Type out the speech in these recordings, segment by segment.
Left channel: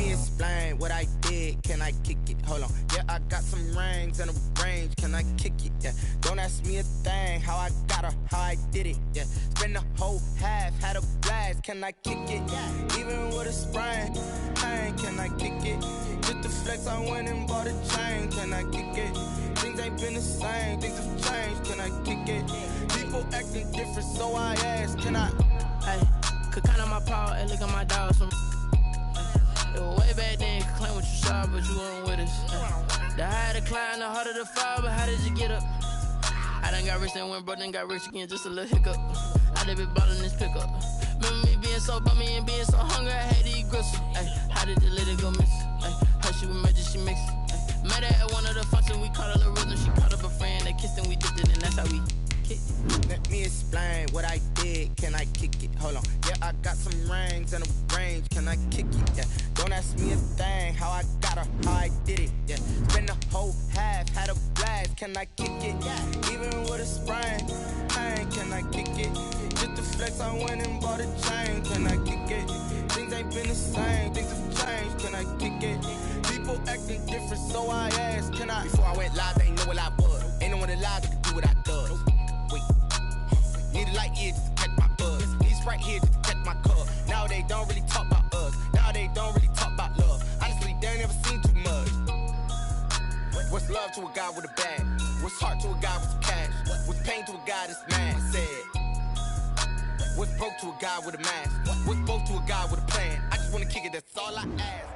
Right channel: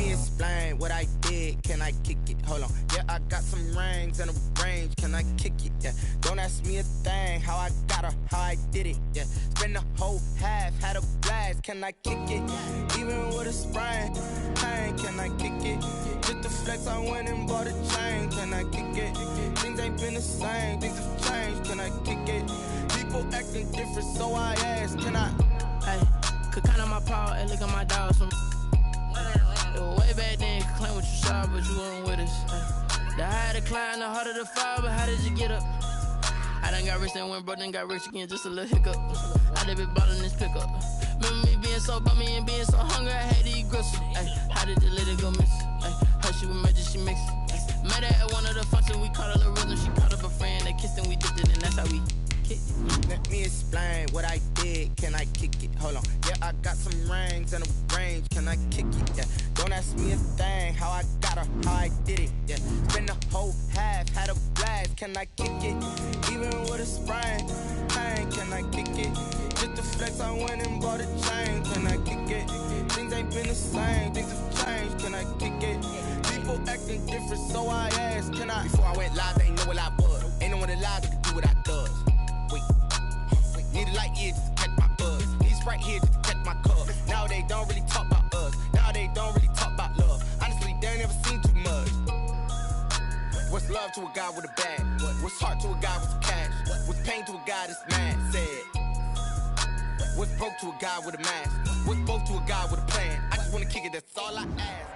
me explain what I did. Can I kick it? Hold on. Yeah, I got some rings and a range. Can I kick it? Yeah. Don't ask me a thing. How I got her, how I did it. Yeah. Spend the whole half, had a blast. Can I kick it? Even with a sprain, pain. Can I kick it? Just the flex, I went and bought a chain. Can I kick it? Things ain't been the same. Things have changed. Can I kick it? People acting different, so I ask. Can I? Hey, could count on my power and look at my dogs from. It was way back then, could claim what you saw, but you weren't with us. The higher the climb, the harder the fall, but how did you get up? I done got rich and went broke, then got rich again, just a little hiccup. I done been ballin' this pickup. Remember me being so bummy and being so hungry, I had to eat gristle. Ay, how did the lady go miss? Ay, how she was magic, she mixed. Met her at one of the functions, we caught a little rhythm. She caught up a friend, they kissed and we dipped it, and that's how we kicked it. Let me explain what I did. Can I kick it? Hold on. Yeah, I got some rings and a range. Can I kick it? Yeah. Don't ask me a thing. How I got her, how I did it. Yeah. Spend the whole half, had a blast. Can I kick it? Even with a sprain, pain. Can I kick it? Just the flex, I went and bought a chain. Can I kick it? Things ain't been the same. Things have changed. Can I kick it? People acting different, so I asked. Can I? Before I went live, they ain't know what I was. Ain't no one alive that could do what I does. Wait. Need a light here just to catch my buzz. Need Sprite here just to catch my cup. Now they don't really talk about us. Now they don't really talk about love. Honestly, they ain't never seen too much. What's love to a guy with a bag? What's heart to a guy with some cash? What's pain to a guy that's mad? Said. What's broke to a guy with a mask? What's both to a guy with a plan? I just wanna kick it, that's all I ask.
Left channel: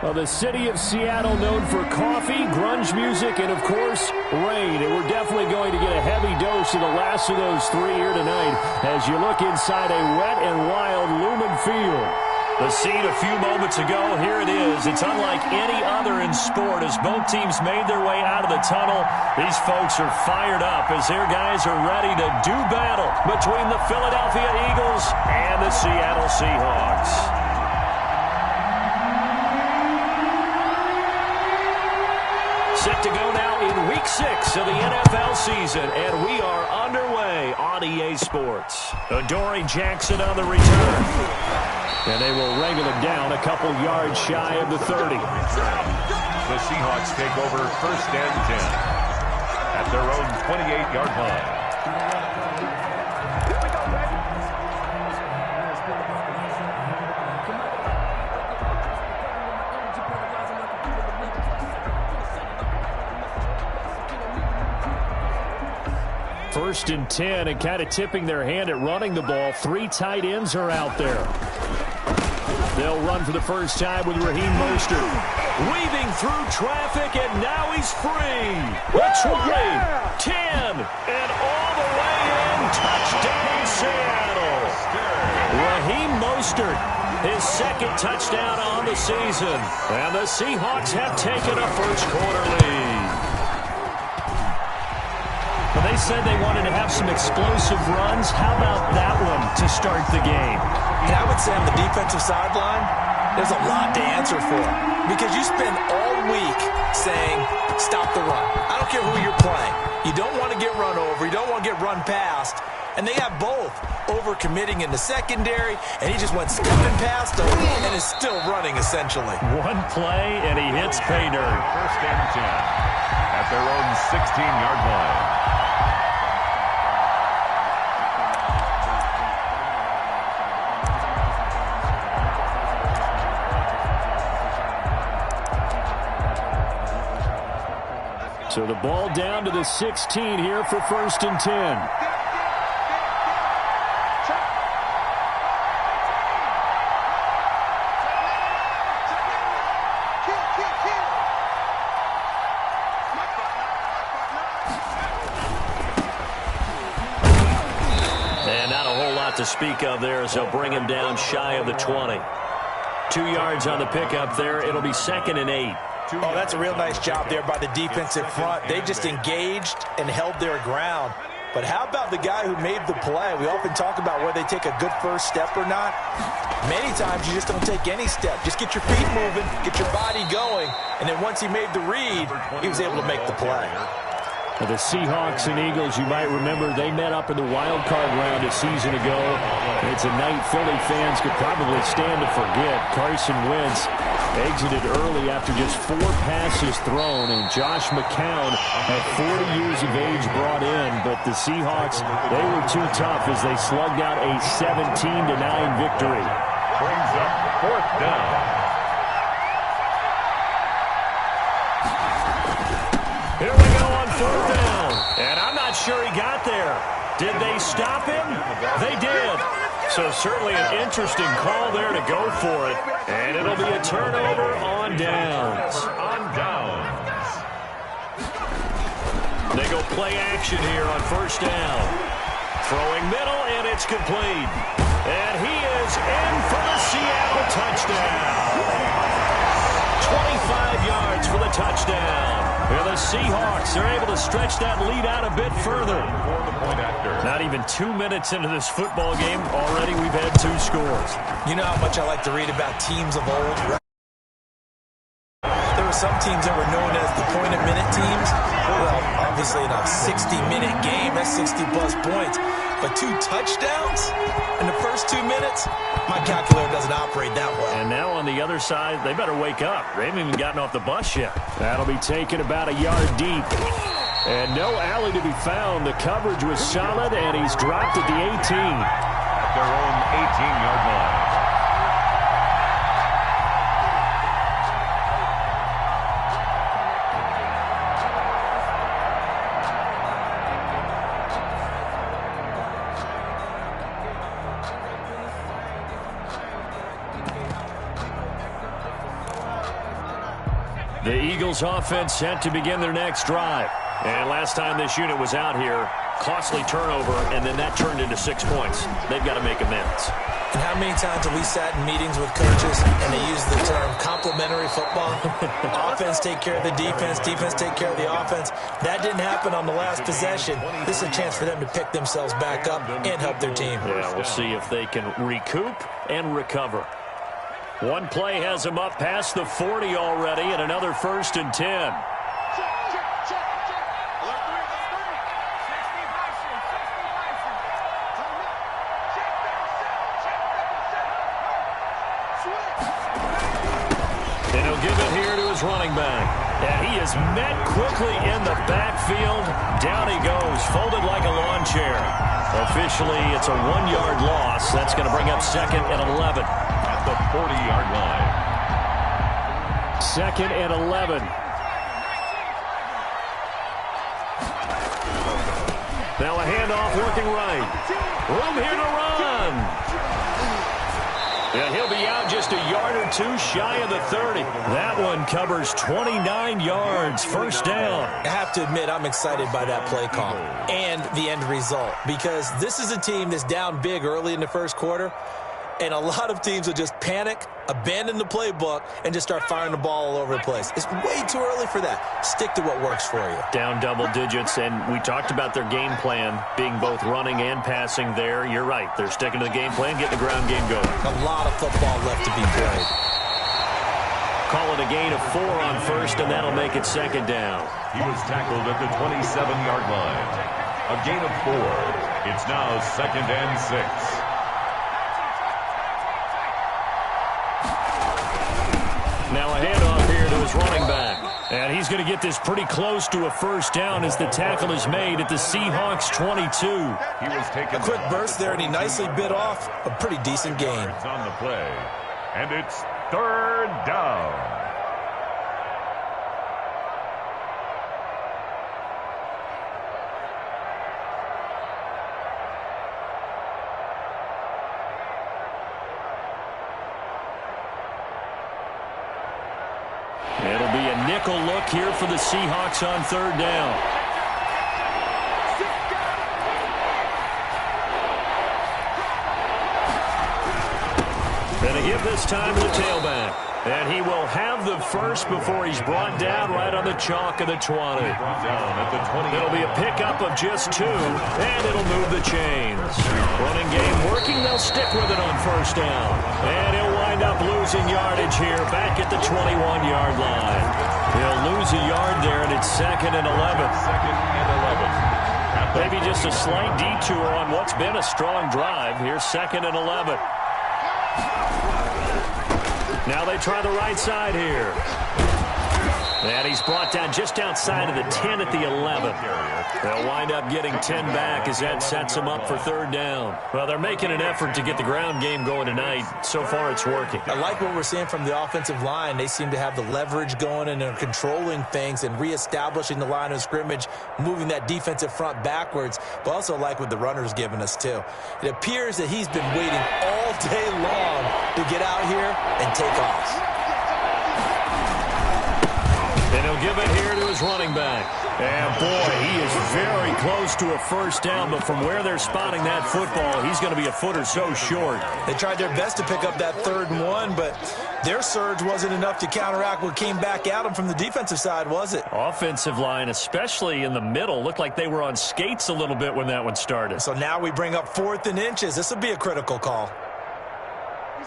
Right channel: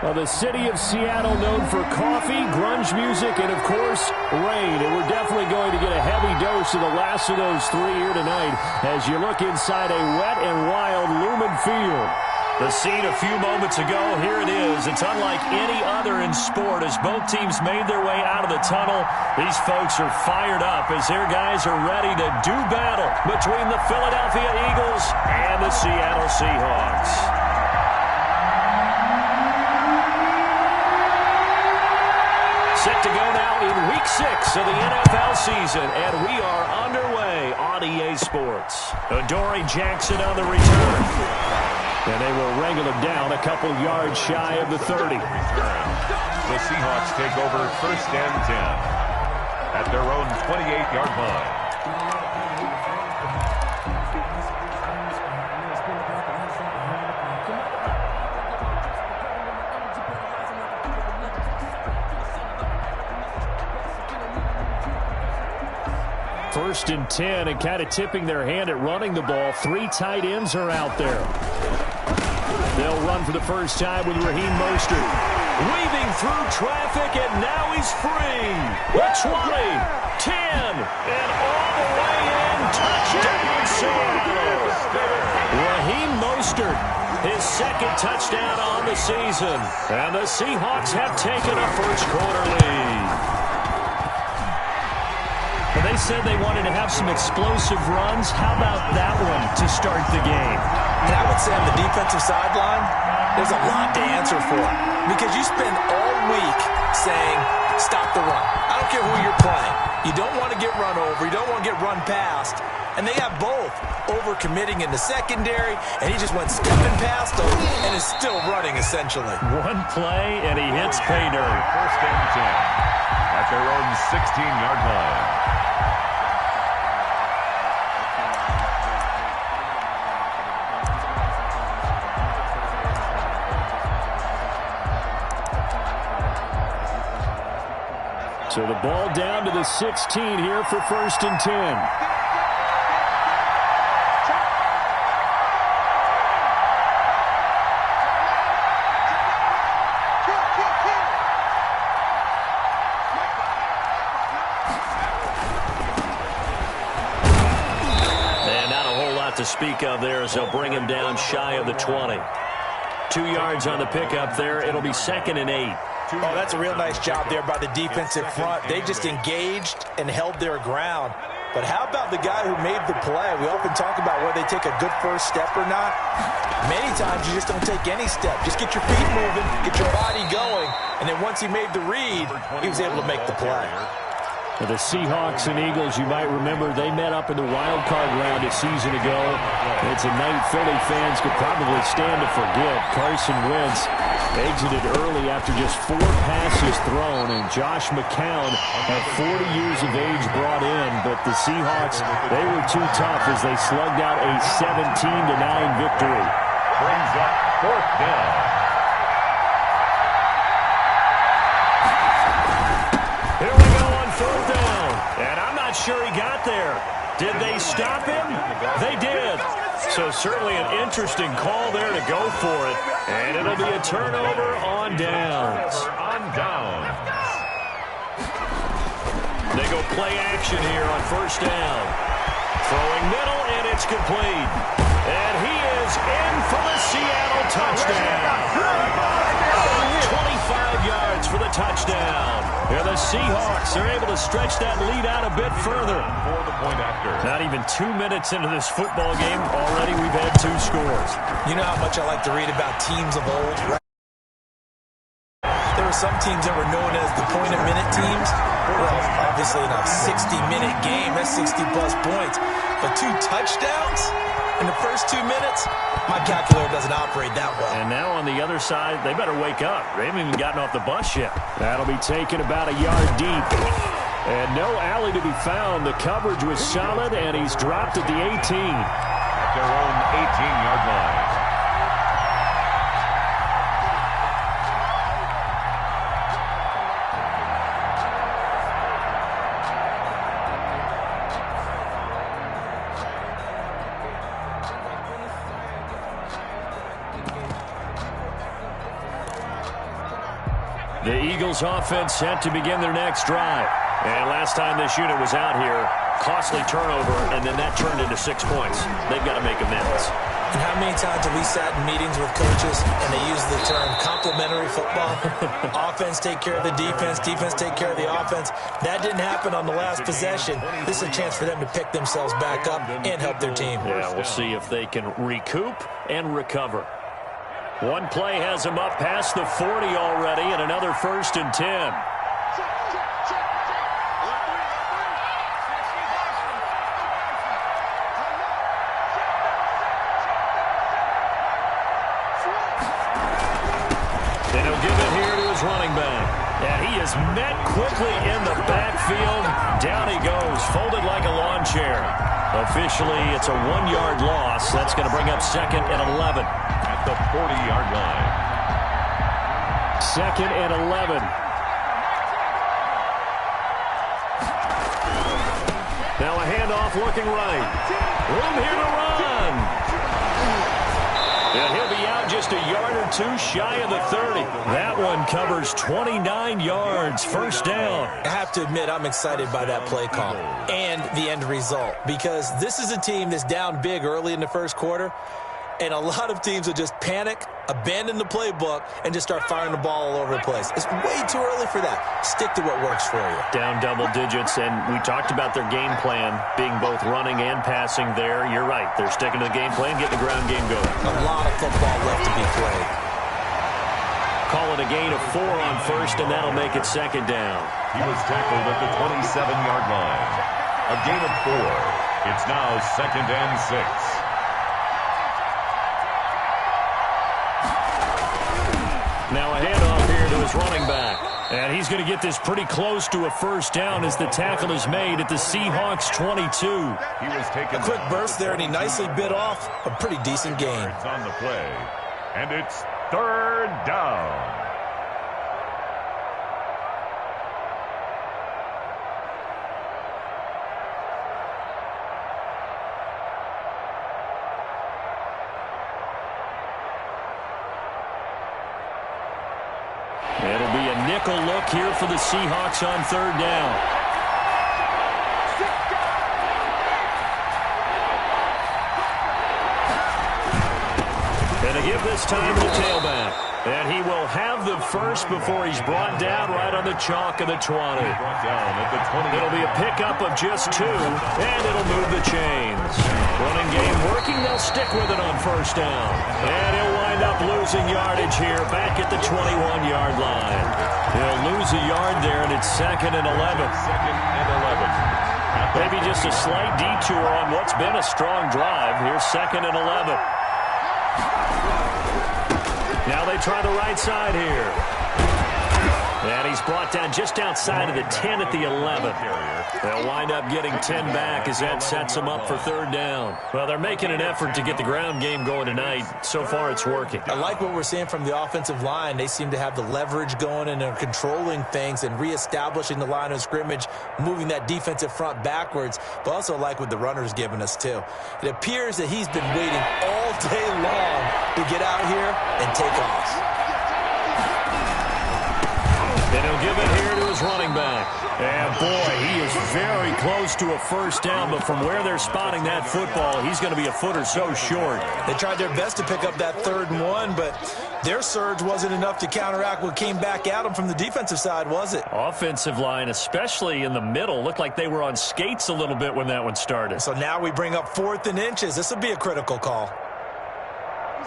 Well, the city of Seattle known for coffee, grunge music, and, of course, rain. And we're definitely going to get a heavy dose of the last of those three here tonight as you look inside a wet and wild Lumen Field. The scene a few moments ago, here it is. It's unlike any other in sport as both teams made their way out of the tunnel. These folks are fired up as their guys are ready to do battle between the Philadelphia Eagles and the Seattle Seahawks. Set to go now in Week 6 of the NFL season, and we are underway on EA Sports. Adoree Jackson on the return. And they will wrangle him down a couple yards shy of the 30. The Seahawks take over 1st and 10 at their own 28-yard line. First and 10, and kind of tipping their hand at running the ball. 3 tight ends are out there. They'll run for the first time with Raheem Mostert. Weaving through traffic, and now he's free. The 20, 10, and all the way in. Touchdown, Seattle. Raheem Mostert, his second touchdown on the season. And the Seahawks have taken a first-quarter lead. Well, they said they wanted to have some explosive runs. How about that one to start the game? And I would say on the defensive sideline, there's a lot to answer for. Because you spend all week saying, stop the run. I don't care who you're playing. You don't want to get run over. You don't want to get run past. And they have both over-committing in the secondary, and he just went skipping past them and is still running, essentially. One play, and he hits pay dirt. 1st and 10 at their own 16-yard line. So the ball down to the 16 here for 1st and 10. And not a whole lot to speak of there as they'll bring him down shy of the 20. 2 yards on the pickup there. It'll be 2nd and 8. Oh, that's a real nice job there by the defensive front. They just engaged and held their ground. But how about the guy who made the play? We often talk about whether they take a good first step or not. Many times you just don't take any step. Just get your feet moving, get your body going, and then once he made the read, he was able to make the play. The Seahawks and Eagles, you might remember, they met up in the wild card round a season ago. It's a night Philly fans could probably stand to forget. Carson Wentz exited early after just 4 passes thrown, and Josh McCown at 40 years of age brought in, but the Seahawks, they were too tough as they slugged out a 17-9 victory. Brings up 4th down. Here we go on 4th down. And I'm not sure he got there. Did they stop him? They did. So certainly an interesting call there to go for it. And it'll be a turnover on downs. They go play action here on 1st down. Throwing middle, and it's complete. And he is in for the Seattle touchdown. 25 yards for the touchdown. Here the Seahawks are able to stretch that lead out a bit further. For the point after. Not even 2 minutes into this football game, already we've had 2 scores. You know how much I like to read about teams of old, right? There were some teams that were known as the point-a-minute teams. Well, obviously in a 60-minute game, that's 60-plus points. But 2 touchdowns in the first 2 minutes? My calculator doesn't operate that well. And now on the other side, they better wake up. They haven't even gotten off the bus yet. That'll be taken about a yard deep. And no alley to be found. The coverage was solid, and he's dropped at the 18. At their own 18-yard line. The Eagles offense set to begin their next drive. And last time this unit was out here, costly turnover, and then that turned into 6 points. They've got to make amends. And how many times have we sat in meetings with coaches and they use the term complementary football? Offense take care of the defense, defense take care of the offense. That didn't happen on the last possession. This is a chance for them to pick themselves back up and help their team. Yeah, we'll see if they can recoup and recover. One play has him up past the 40 already, and another 1st and 10. And he'll give it here to his running back. And he is met quickly in the backfield. Down he goes, folded like a lawn chair. Officially, it's a 1-yard loss. That's going to bring up 2nd and 11. At the 40-yard line. 2nd and 11. Now a handoff looking right. Room here to run. And he'll be out just a yard or 2 shy of the 30. That one covers 29 yards. 1st down. I have to admit, I'm excited by that play call and the end result, because this is a team that's down big early in the first quarter, and a lot of teams will just panic, abandon the playbook, and just start firing the ball all over the place. It's way too early for that. Stick to what works for you. Down double digits, and we talked about their game plan being both running and passing there. You're right. They're sticking to the game plan, getting the ground game going. A lot of football left to be played. Call it a gain of 4 on 1st, and that'll make it 2nd down. He was tackled at the 27-yard line. A gain of 4. It's now 2nd and 6. Now a handoff here to his running back. And he's going to get this pretty close to a 1st down as the tackle is made at the Seahawks 22. He was taken a quick burst there, and he nicely bit off a pretty decent gain. On the play. And it's 3rd down. It'll be a nickel look here for the Seahawks on 3rd down. And they give this time to the tailback. And he will have the first before he's brought down right on the chalk of the 20. Brought down at the 20. It'll be a pickup of just 2, and it'll move the chains. Running game working. They'll stick with it on first down. And he'll wind up losing yardage here back at the 21-yard line. He'll lose a yard there, and it's 2nd and 11. 2nd and 11. Maybe just a slight detour on what's been a strong drive. Here's 2nd and 11. Now they try the right side here. And he's brought down just outside of the 10 at the 11. They'll wind up getting 10 back as that sets them up for 3rd down. Well, they're making an effort to get the ground game going tonight. So far, it's working. I like what we're seeing from the offensive line. They seem to have the leverage going and they're controlling things and reestablishing the line of scrimmage, moving that defensive front backwards, but also like what the runner's giving us, too. It appears that he's been waiting all day long to get out here and take off. And he'll give it here to his running back. And, boy, he is very close to a first down, but from where they're spotting that football, he's going to be a foot or so short. They tried their best to pick up that 3rd and 1, but their surge wasn't enough to counteract what came back at them from the defensive side, was it? Offensive line, especially in the middle, looked like they were on skates a little bit when that one started. So now we bring up 4th and inches. This will be a critical call.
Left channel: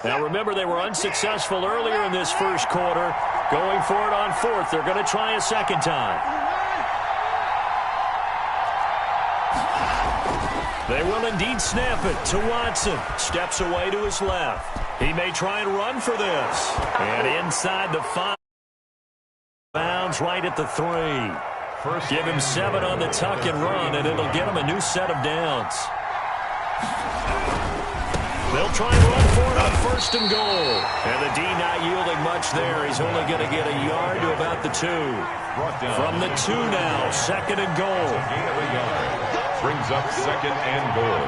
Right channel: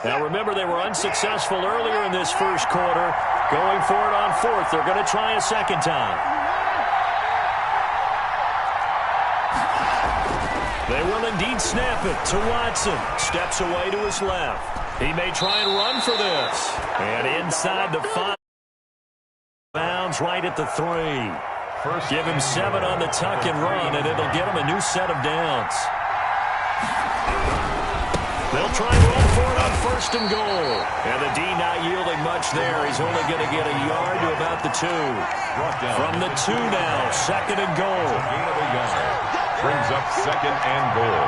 Now, remember, they were unsuccessful earlier in this first quarter. Going for it on 4th. They're going to try a second time. They will indeed snap it to Watson. Steps away to his left. He may try and run for this. And inside the 5. Bounds right at the 3. Give him 7 on the tuck and run, and it'll get him a new set of downs. They'll try and run for it on 1st and goal. And the D not yielding much there. He's only going to get a yard to about the 2. From the 2 now, 2nd and goal. Gain of a yard. Brings up 2nd and goal.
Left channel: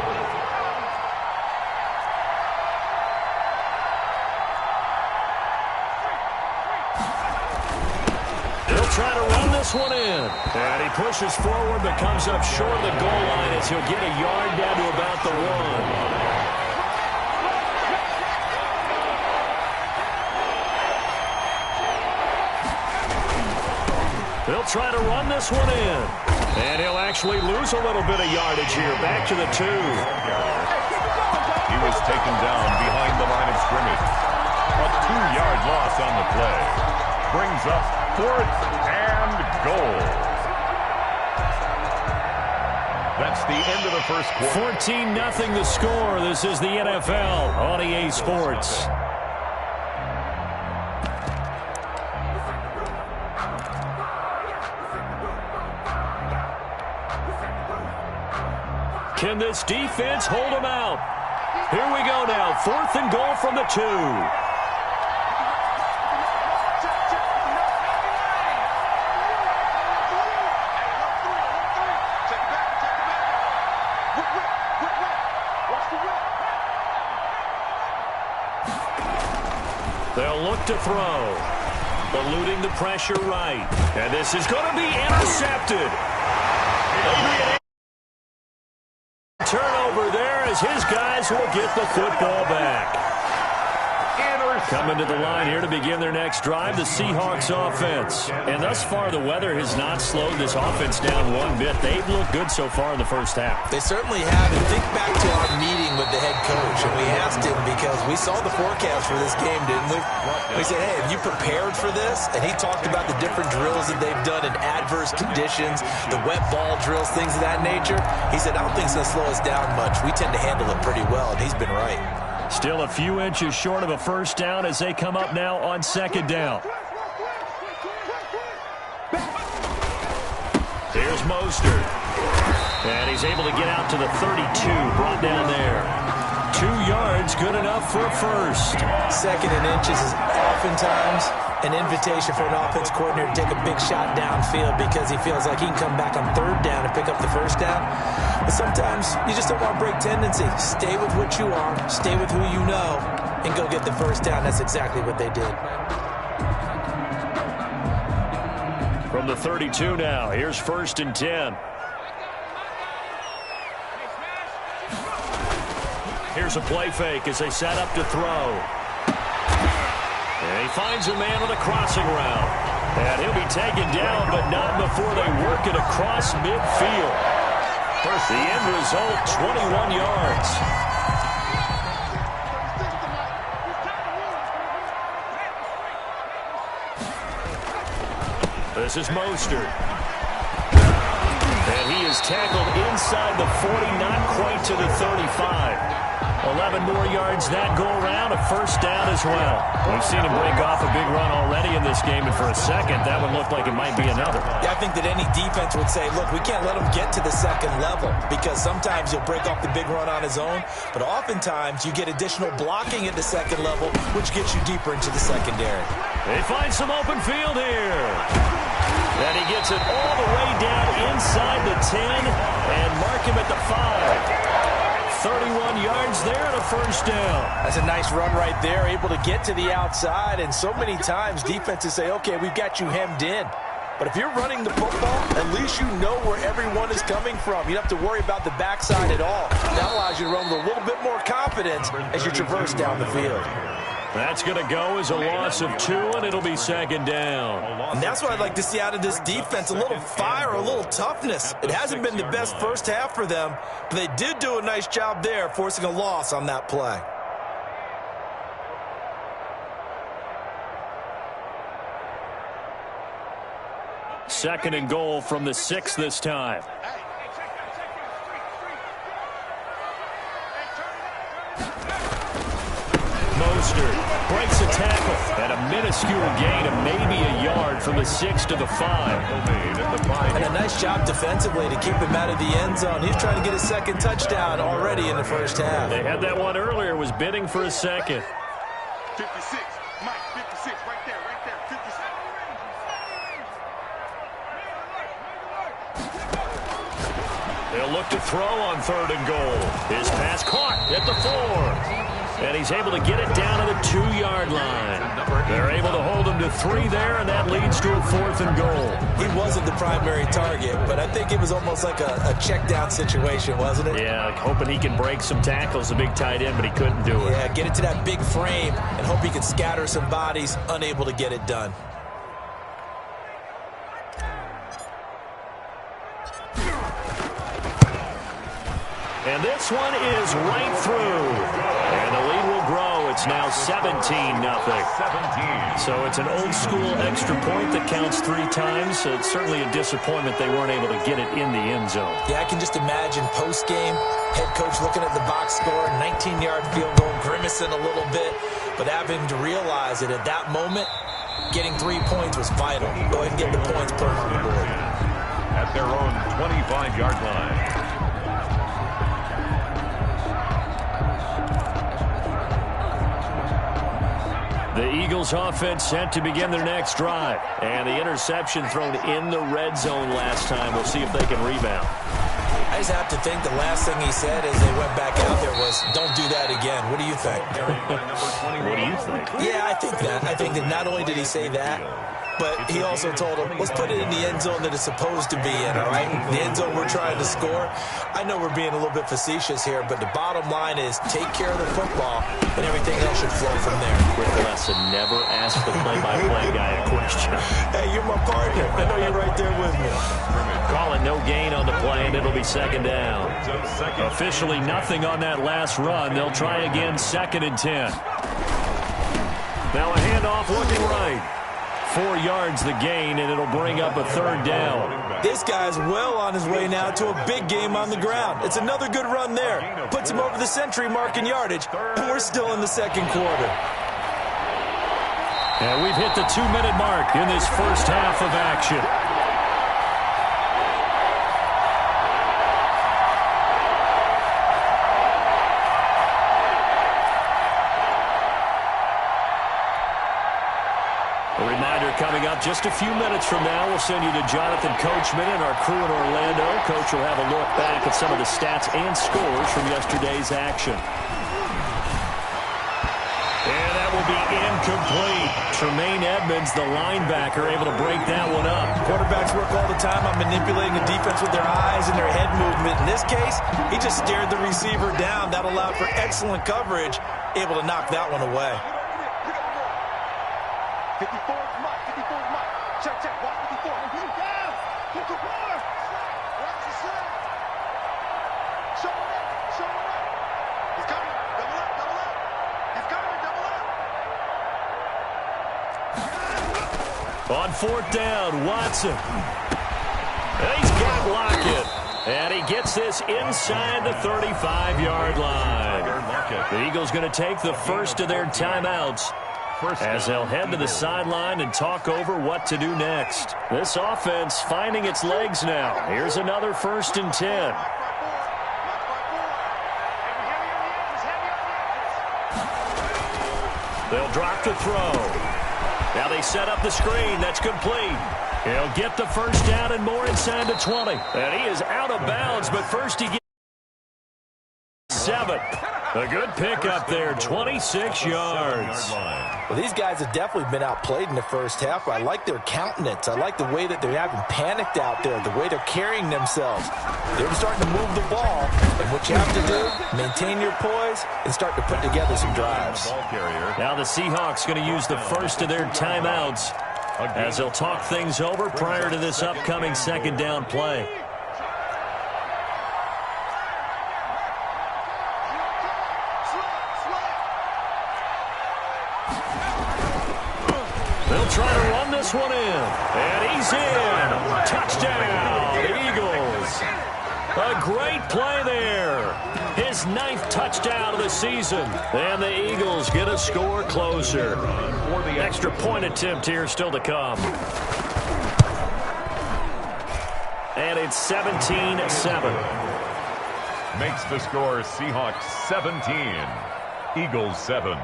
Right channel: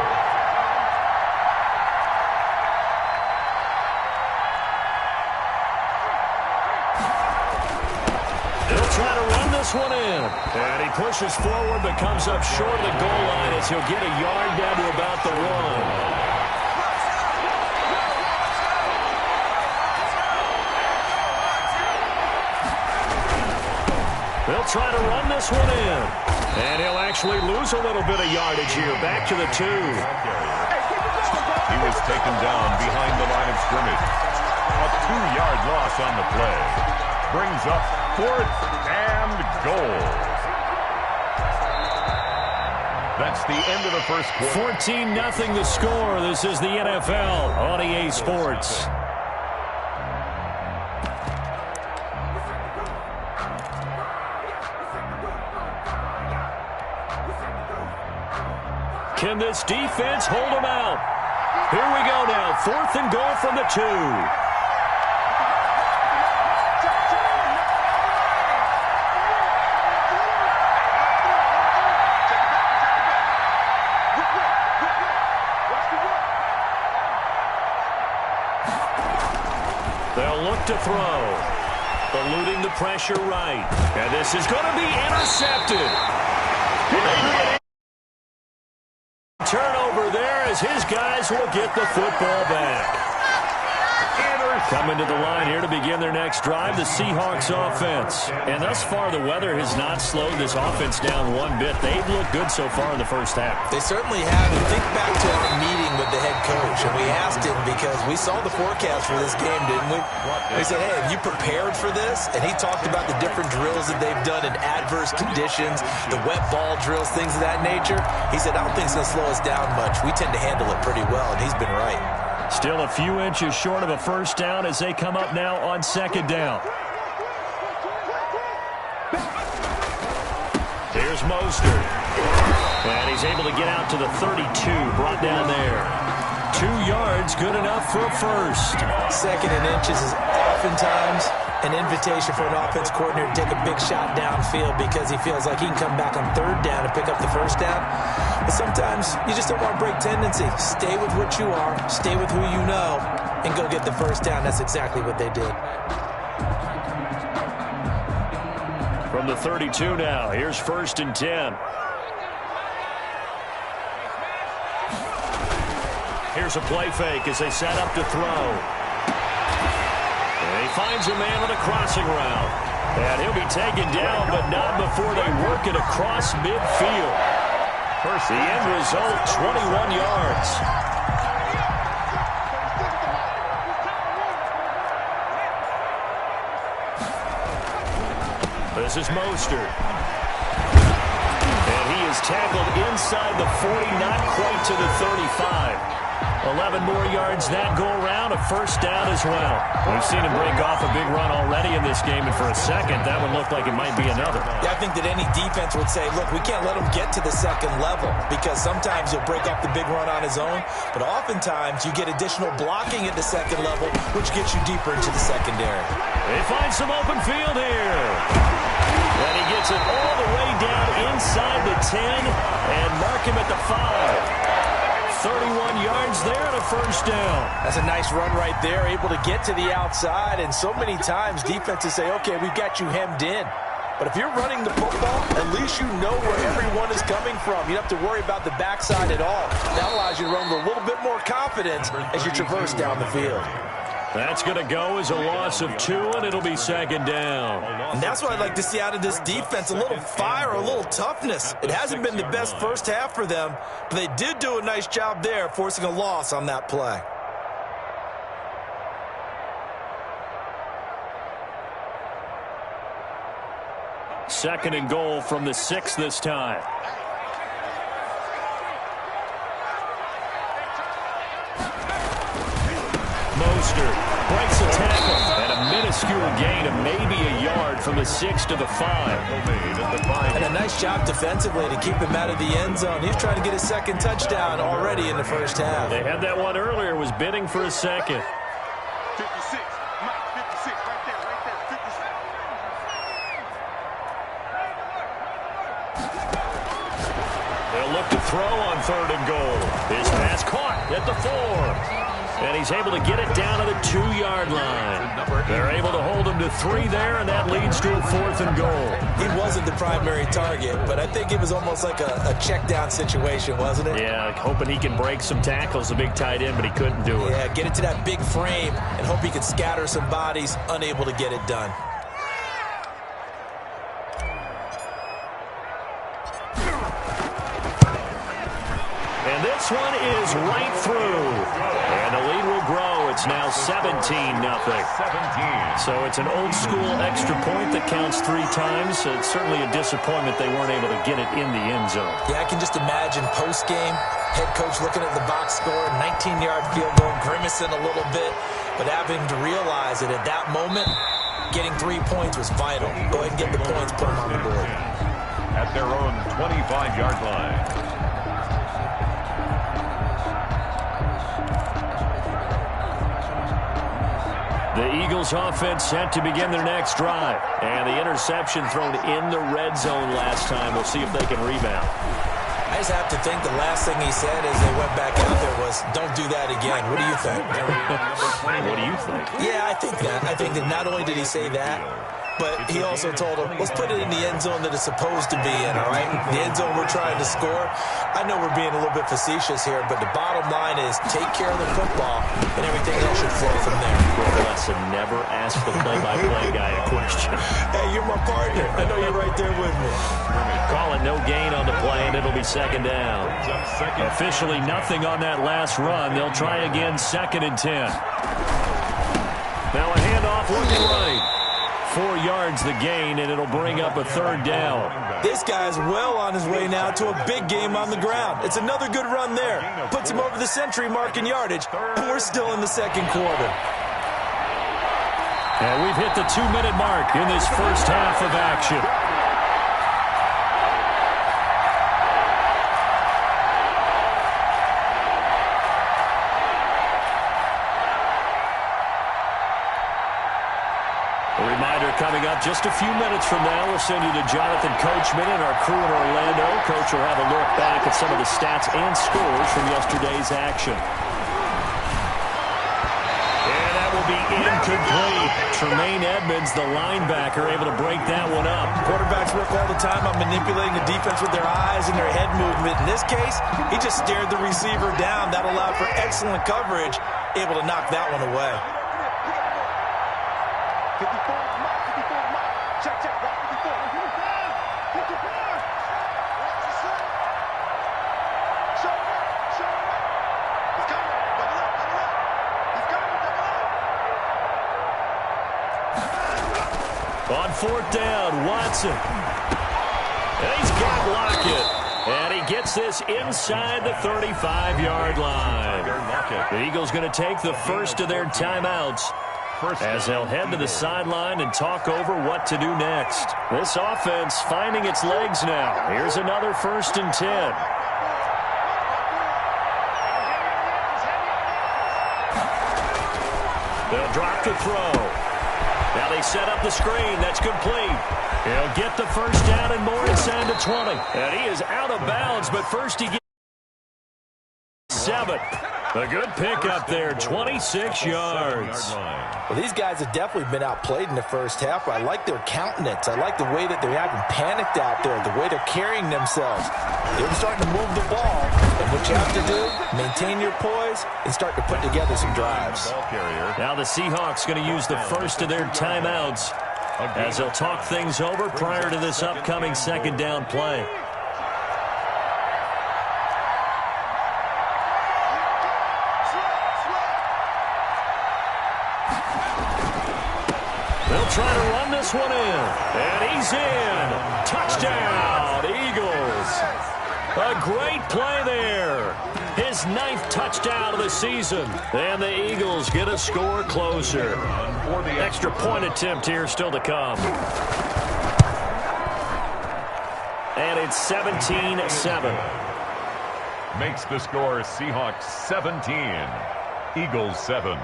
He'll try to run this one in. And he pushes forward but comes up short of the goal line as he'll get a yard down to about the 1. They'll try to run this one in. And he'll actually lose a little bit of yardage here. Back to the 2. He was taken down behind the line of scrimmage. A 2-yard loss on the play. Brings up 4th and goal. That's the end of the first quarter. 14-0 the score. This is the NFL on EA Sports. Can this defense hold them out? Here we go now. 4th and goal from the 2. They'll look to throw. Eluding the pressure right. And this is going to be intercepted. Adrian, turnover there as his guys will get the football back. Coming to the line here to begin their next drive, the Seahawks offense. And thus far, the weather has not slowed this offense down one bit. They've looked good so far in the first half. They certainly have. And think back to our meeting with the head coach. And we asked him because we saw the forecast for this game, didn't we? We said, hey, have you prepared for this? And he talked about the different drills that they've done in adverse conditions, the wet ball drills, things of that nature. He said, I don't think it's going to slow us down much. We tend to handle it pretty well, and he's been right. Still a few inches short of a first down as they come up now on 2nd down. Here's Mostert. And he's able to get out to the 32, brought down there. 2 yards, good enough for a first. 2nd and inches is oftentimes an invitation for an offense coordinator to take a big shot downfield because he feels like he can come back on 3rd down and pick up the first down. But sometimes you just don't want to break tendency. Stay with what you are, stay with who you know, and go get the first down. That's exactly what they did. From the 32 now, here's 1st and 10. Here's a play fake as they set up to throw. And he finds a man on the crossing route. And he'll be taken down, but not before they work it across midfield. The end result, 21 yards. This is Mostert. And he is tackled inside the 40, not quite to the 35. 11 more yards that go around, a first down as well. We've seen him break off a big run already in this game, and for a second, that would look like it might be another. Yeah, I think that any defense would say, look, we can't let him get to the second level, because sometimes he'll break off the big run on his own, but oftentimes you get additional blocking at the second level, which gets you deeper into the secondary. They find some open field here. And he gets it all the way down inside the 10 and mark him at the 5. 31 yards there and a first down. That's a nice run right there, able to get to the outside, and so many times defenses say, okay, we've got you hemmed in. But if you're running the football, at least you know where everyone is coming from. You don't have to worry about the backside at all. That allows you to run with a little bit more confidence as you traverse down the field. That's going to go as a loss of 2, and it'll be second down. And that's what I'd like to see out of this defense, a little fire, a little toughness. It hasn't been the best first half for them, but they did do a nice job there, forcing a loss on that play. Second and goal from the 6 this time. Mostert breaks a tackle, and a minuscule gain of maybe a yard from the 6 to the 5. And a nice job defensively to keep him out of the end zone. He's trying to get his second touchdown already in the first half. They had that one earlier, was bidding for a second. 56, Mike, 56, right there, 56. They'll look to throw on 3rd and goal. His pass caught at the 4. And he's able to get it down to the 2-yard line. They're able to hold him to 3 there, and that leads to a 4th and goal. He wasn't the primary target, but I think it was almost like a check down situation, wasn't it? Yeah, hoping he can break some tackles, a big tight end, but he couldn't do it. Yeah, get it to that big frame and hope he can scatter some bodies, unable to get it done. And this one is right through. And the lead will grow. It's now 17-0. So it's an old-school extra point that counts 3 times. It's certainly a disappointment they weren't able to get it in the end zone. Yeah, I can just imagine post-game, head coach looking at the box score, 19-yard field goal, grimacing a little bit, but having to realize that at that moment, getting 3 points was vital. Go ahead and get the points, put them on the board. At their own 25-yard line. The Eagles offense set to begin their next drive. And the interception thrown in the red zone last time. We'll see if they can rebound. I just have to think the last thing he said as they went back out there was, don't do that again. What do you think? What do you think? Yeah, I think that. I think that not only did he say that, but he also told him, let's put it in the end zone that it's supposed to be in, all right? The end zone we're trying to score. I know we're being a little bit facetious here, but the bottom line is take care of the football, and everything else should flow from there. Quick lesson, never ask the play-by-play guy a question. Hey, you're my partner. I know you're right there with me. Call it no gain on the play, and it'll be second down. Officially nothing on that last run. They'll try again, 2nd and 10. Now a handoff looking right. 4 yards the gain, and it'll bring up a 3rd down. This guy's well on his way now to a big game on the ground. It's another good run there. Puts him over the century mark in yardage, and we're still in the second quarter. And we've hit the 2-minute mark in this first half of action. A reminder coming up just a few minutes from now, we'll send you to Jonathan Coachman and our crew in Orlando. Coach will have a look back at some of the stats and scores from yesterday's action. And that will be incomplete. Tremaine Edmonds, the linebacker, able to break that one up. Quarterbacks work all the time on manipulating the defense with their eyes and their head movement. In this case, he just stared the receiver down. That allowed for excellent coverage, able to knock that one away. 54, Mike. 54, Mike. Check, check. Watch 54. 54. Watch the slip. Show it up. Show it up. He's coming. Double up. Double up. He's coming. Double up. On fourth down, Watson. And he's got Lockett. And he gets this inside the 35-yard line. The Eagles going to take the first of their timeouts as they'll head to the sideline and talk over what to do next. This offense finding its legs now. Here's another 1st and 10. They'll drop to throw. Now they set up the screen. That's complete. He'll get the first down and more inside the 20. And he is out of bounds, but first he gets 7. A good pickup there, 26 yards. Well, these guys have definitely been outplayed in the first half. I like their countenance. I like the way that they're having panicked out there, the way they're carrying themselves. They're starting to move the ball, and what you have to do, maintain your poise and start to put together some drives. Now the Seahawks going to use the first of their timeouts as they'll talk things over prior to this upcoming second down play. They'll try to run this one in. And he's in. Touchdown, Eagles. A great play there. His 9th touchdown of the season. And the Eagles get a score closer. Extra point attempt here still to come. And it's 17-7. Makes the score Seahawks 17, Eagles 7.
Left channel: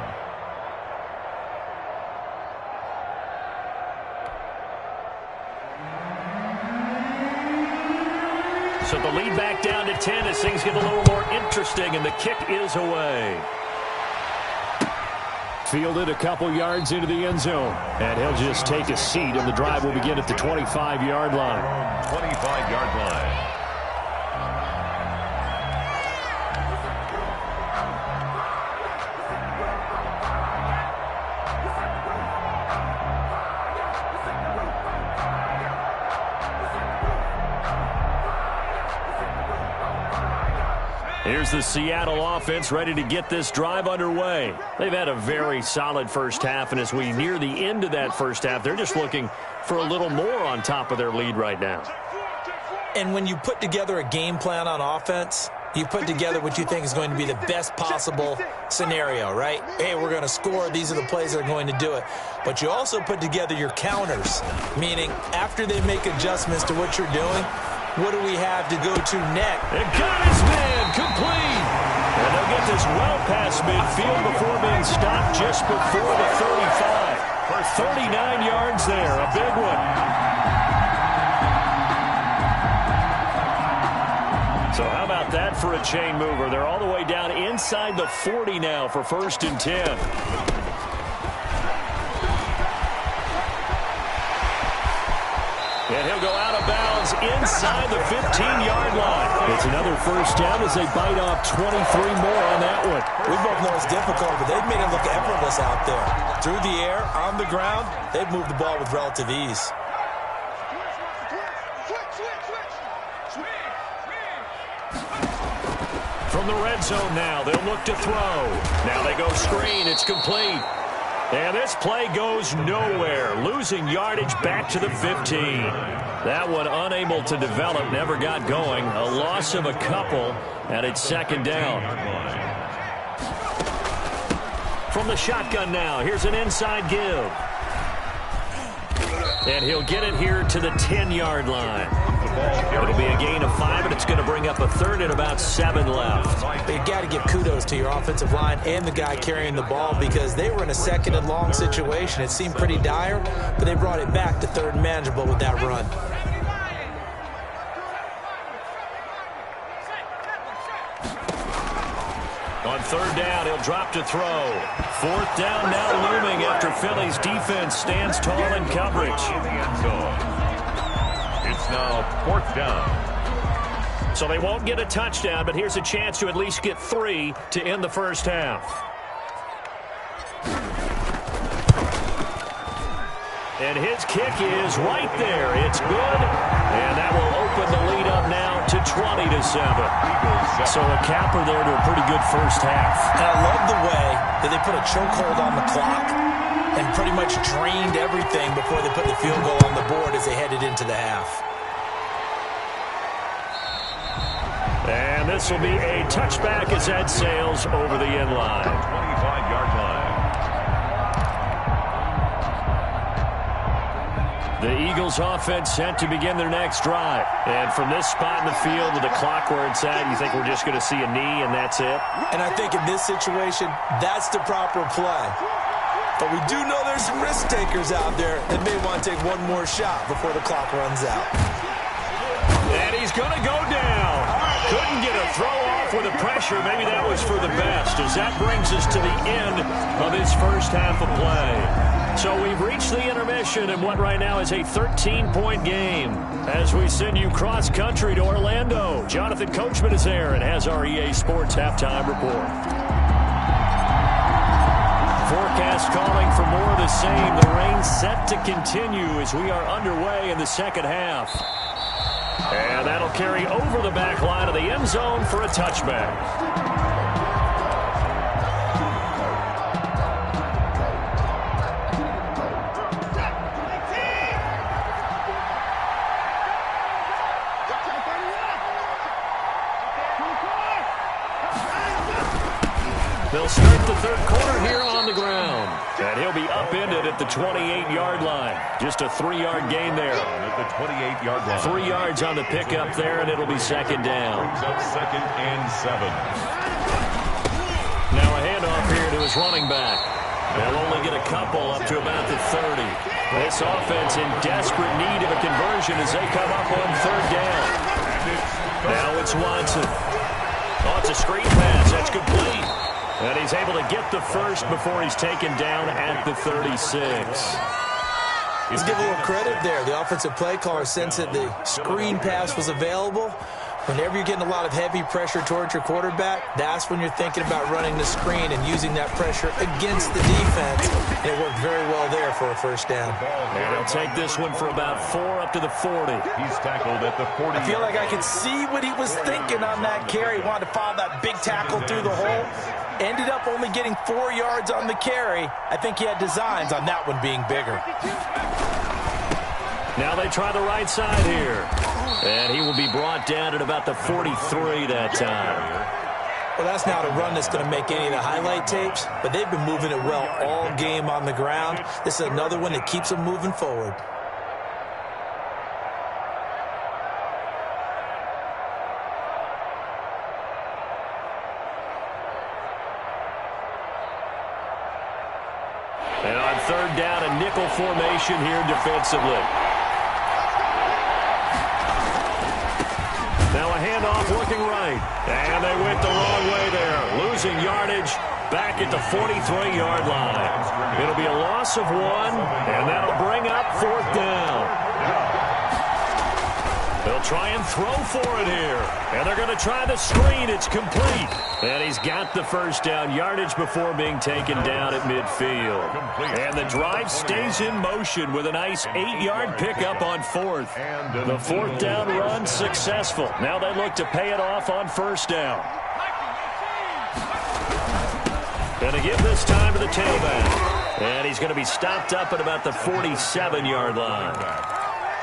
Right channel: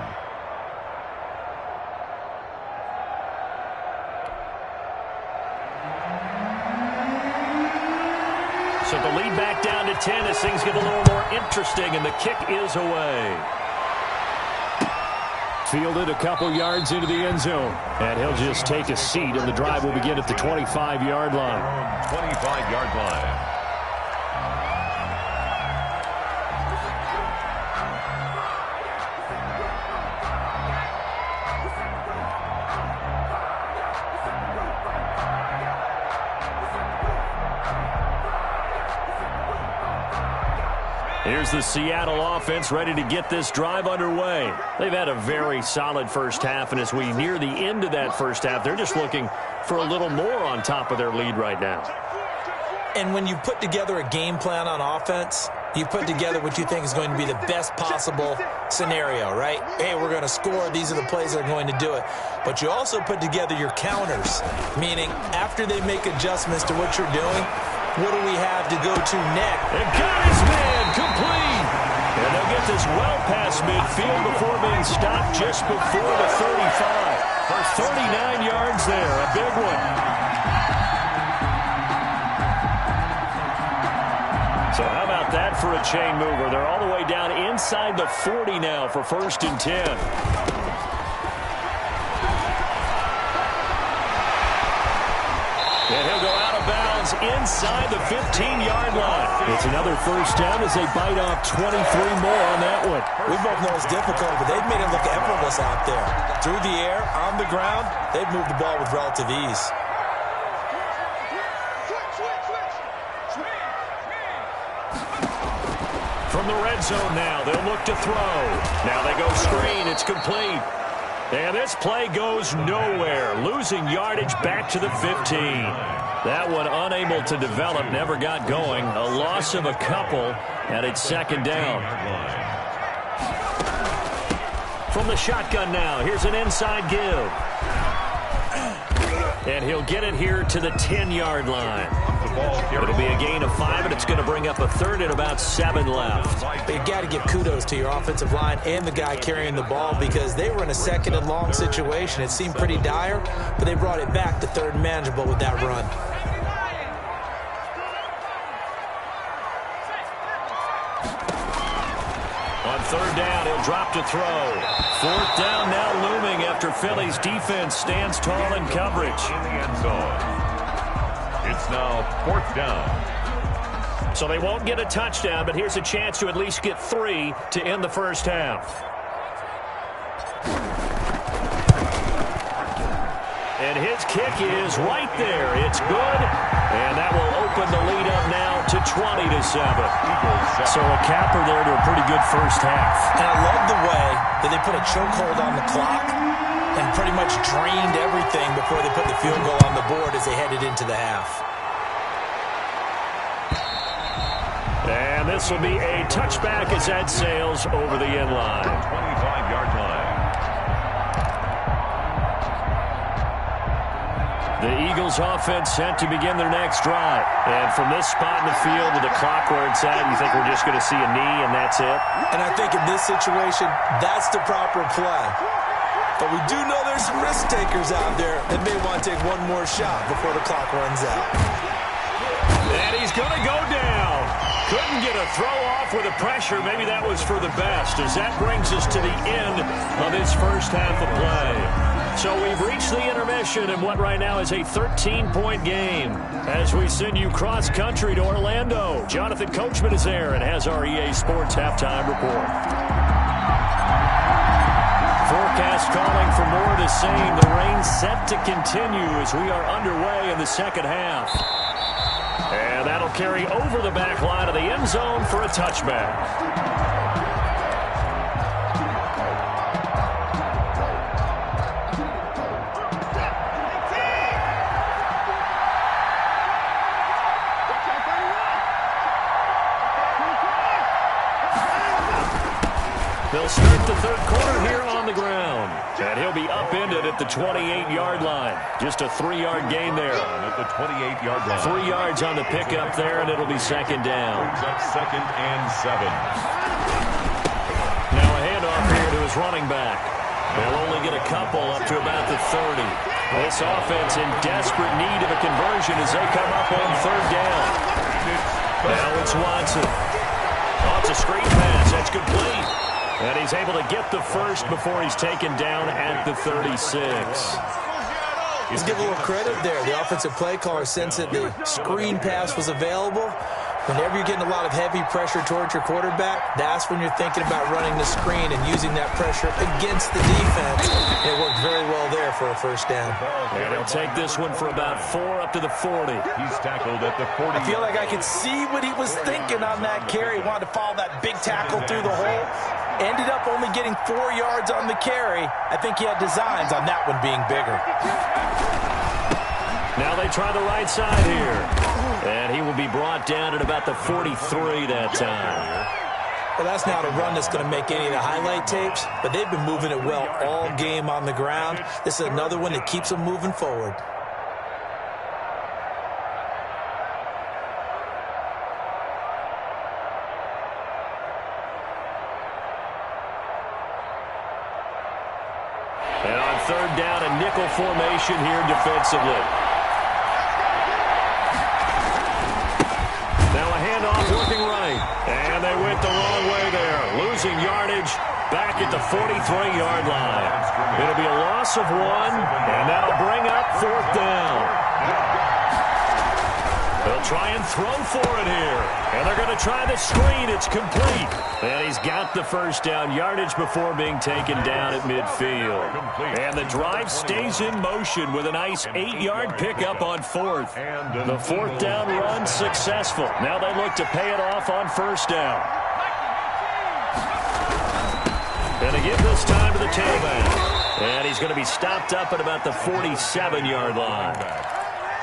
So the lead back down to 10 as things get a little more interesting, and the kick is away. Fielded a couple yards into the end zone, and he'll just take a seat, and the drive will begin at the 25-yard line. 25-yard line. Here's the Seattle offense ready to get this drive underway. They've had a very solid first half, and as we near the end of that first half, they're just looking for a little more on top of their lead right now. And when you put together a game plan on offense, you put together what you think is going to be the best possible scenario, right? Hey, we're going to score. These are the plays that are going to do it. But you also put together your counters, meaning after they make adjustments to what you're doing, what do we have to go to next? And got his man complete. And they'll get this well past midfield before being stopped just before the 35. For 39 yards there, a big one. So how about that for a chain mover? They're all the way down inside the 40 now for 1st and 10. And he'll go out of bounds inside the 15-yard line. It's another first down as they bite off 23 more on that one. We both know it's difficult, but they've made it look effortless out there. Through the air, on the ground, they've moved the ball with relative ease. From the red zone now, they'll look to throw. Now they go screen. It's complete. And this play goes nowhere, losing yardage back to the 15. That one unable to develop, never got going. A loss of a couple, and it's second down. From the shotgun now, here's an inside give. And he'll get it here to the 10-yard line. It'll be a gain of 5, and it's going to bring up a third and about 7 left. But you got to give kudos to your offensive line and the guy carrying the ball because they were in a second and long situation. It seemed pretty dire, but they brought it back to third and manageable with that run. On third down, he'll drop to throw. Fourth down now looming after Philly's defense stands tall in coverage. In the end zone. It's now 4th down. So they won't get a touchdown, but here's a chance to at least get 3 to end the first half. And his kick is right there. It's good, and that will open the lead up now to 20-7. So a capper there to a pretty good first half. And I love the way that they put a chokehold on the clock and pretty much drained everything before they put the field goal on the board as they headed into the half. And this will be a touchback as that sails over the end line. 25-yard line. The Eagles offense set to begin their next drive. And from this spot in the field with the clock where it's at, you think we're just going to see a knee and that's it? And I think in this situation, that's the proper play. But we do know there's some risk takers out there that may want to take one more shot before the clock runs out. And he's going to go down. Couldn't get a throw off with the pressure. Maybe that was for the best, as that brings us to the end of his first half of play. So we've reached the intermission in what right now is a 13-point game. As we send you cross-country to Orlando, Jonathan Coachman is there and has our EA Sports halftime report. Forecast calling for more of the same. The rain set to continue as we are underway in the second half. And that'll carry over the back line of the end zone for a touchback. They'll start the third quarter here on the ground. And he'll be upended at the 28-yard line. Just a 3-yard gain there. At the 28-yard line. 3 yards on the pickup there, and it'll be second down. Brings up 2nd and 7. Now a handoff here to his running back. They'll only get a couple up to about the 30. This offense in desperate need of a conversion as they come up on third down. Now it's Watson. Oh, it's a screen pass. That's complete. And he's able to get the first before he's taken down at the 36. Let's give a little credit there. The offensive play caller sensed that the screen pass was available. Whenever you're getting a lot of heavy pressure towards your quarterback, that's when you're thinking about running the screen and using that pressure against the defense. And it worked very well there for a first down. And he'll take this one for about 4 up to the 40. He's tackled at the 40. I feel like I could see what he was thinking on that carry. He wanted to follow that big tackle through the hole. Ended up only getting 4 yards on the carry. I think he had designs on that one being bigger. Now they try the right side here. And he will be brought down at about the 43 that time. Well, that's not a run that's going to make any of the highlight tapes, but they've been moving it well all game on the ground. This is another one that keeps them moving forward. And on third down, a nickel formation here defensively. Now a handoff working right. And they went the wrong way there. Losing yardage back at the 43-yard line. It'll be a loss of 1, and that'll bring up 4th down. They'll try and throw for it here. And they're going to try the screen. It's complete. And he's got the first down yardage before being taken down at midfield. And the drive stays in motion with a nice 8-yard pickup on 4th. The 4th down run successful. Now they look to pay it off on first down. And again this time to the tailback. And he's going to be stopped up at about the 47-yard line.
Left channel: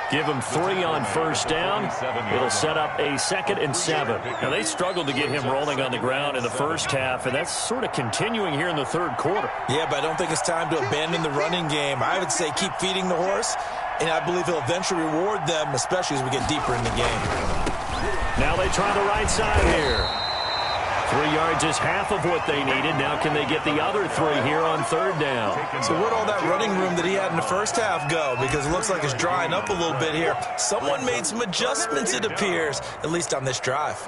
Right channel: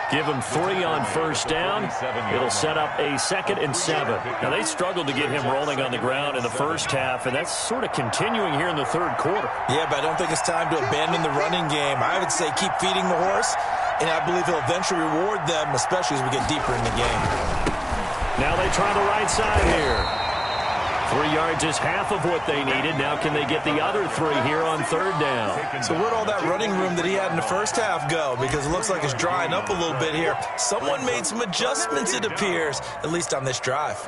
Give him 3 on first down. It'll set up a 2nd and 7. Now, they struggled to get him rolling on the ground in the first half, and that's sort of continuing here in the third quarter. Yeah, but I don't think it's time to abandon the running game. I would say keep feeding the horse, and I believe he'll eventually reward them, especially as we get deeper in the game. Now they try the right side here. 3 yards is half of what they needed. Now can they get the other 3 here on third down? So where'd all that running room that he had in the first half go? Because it looks like it's drying up a little bit here. Someone made some adjustments, it appears, at least on this drive.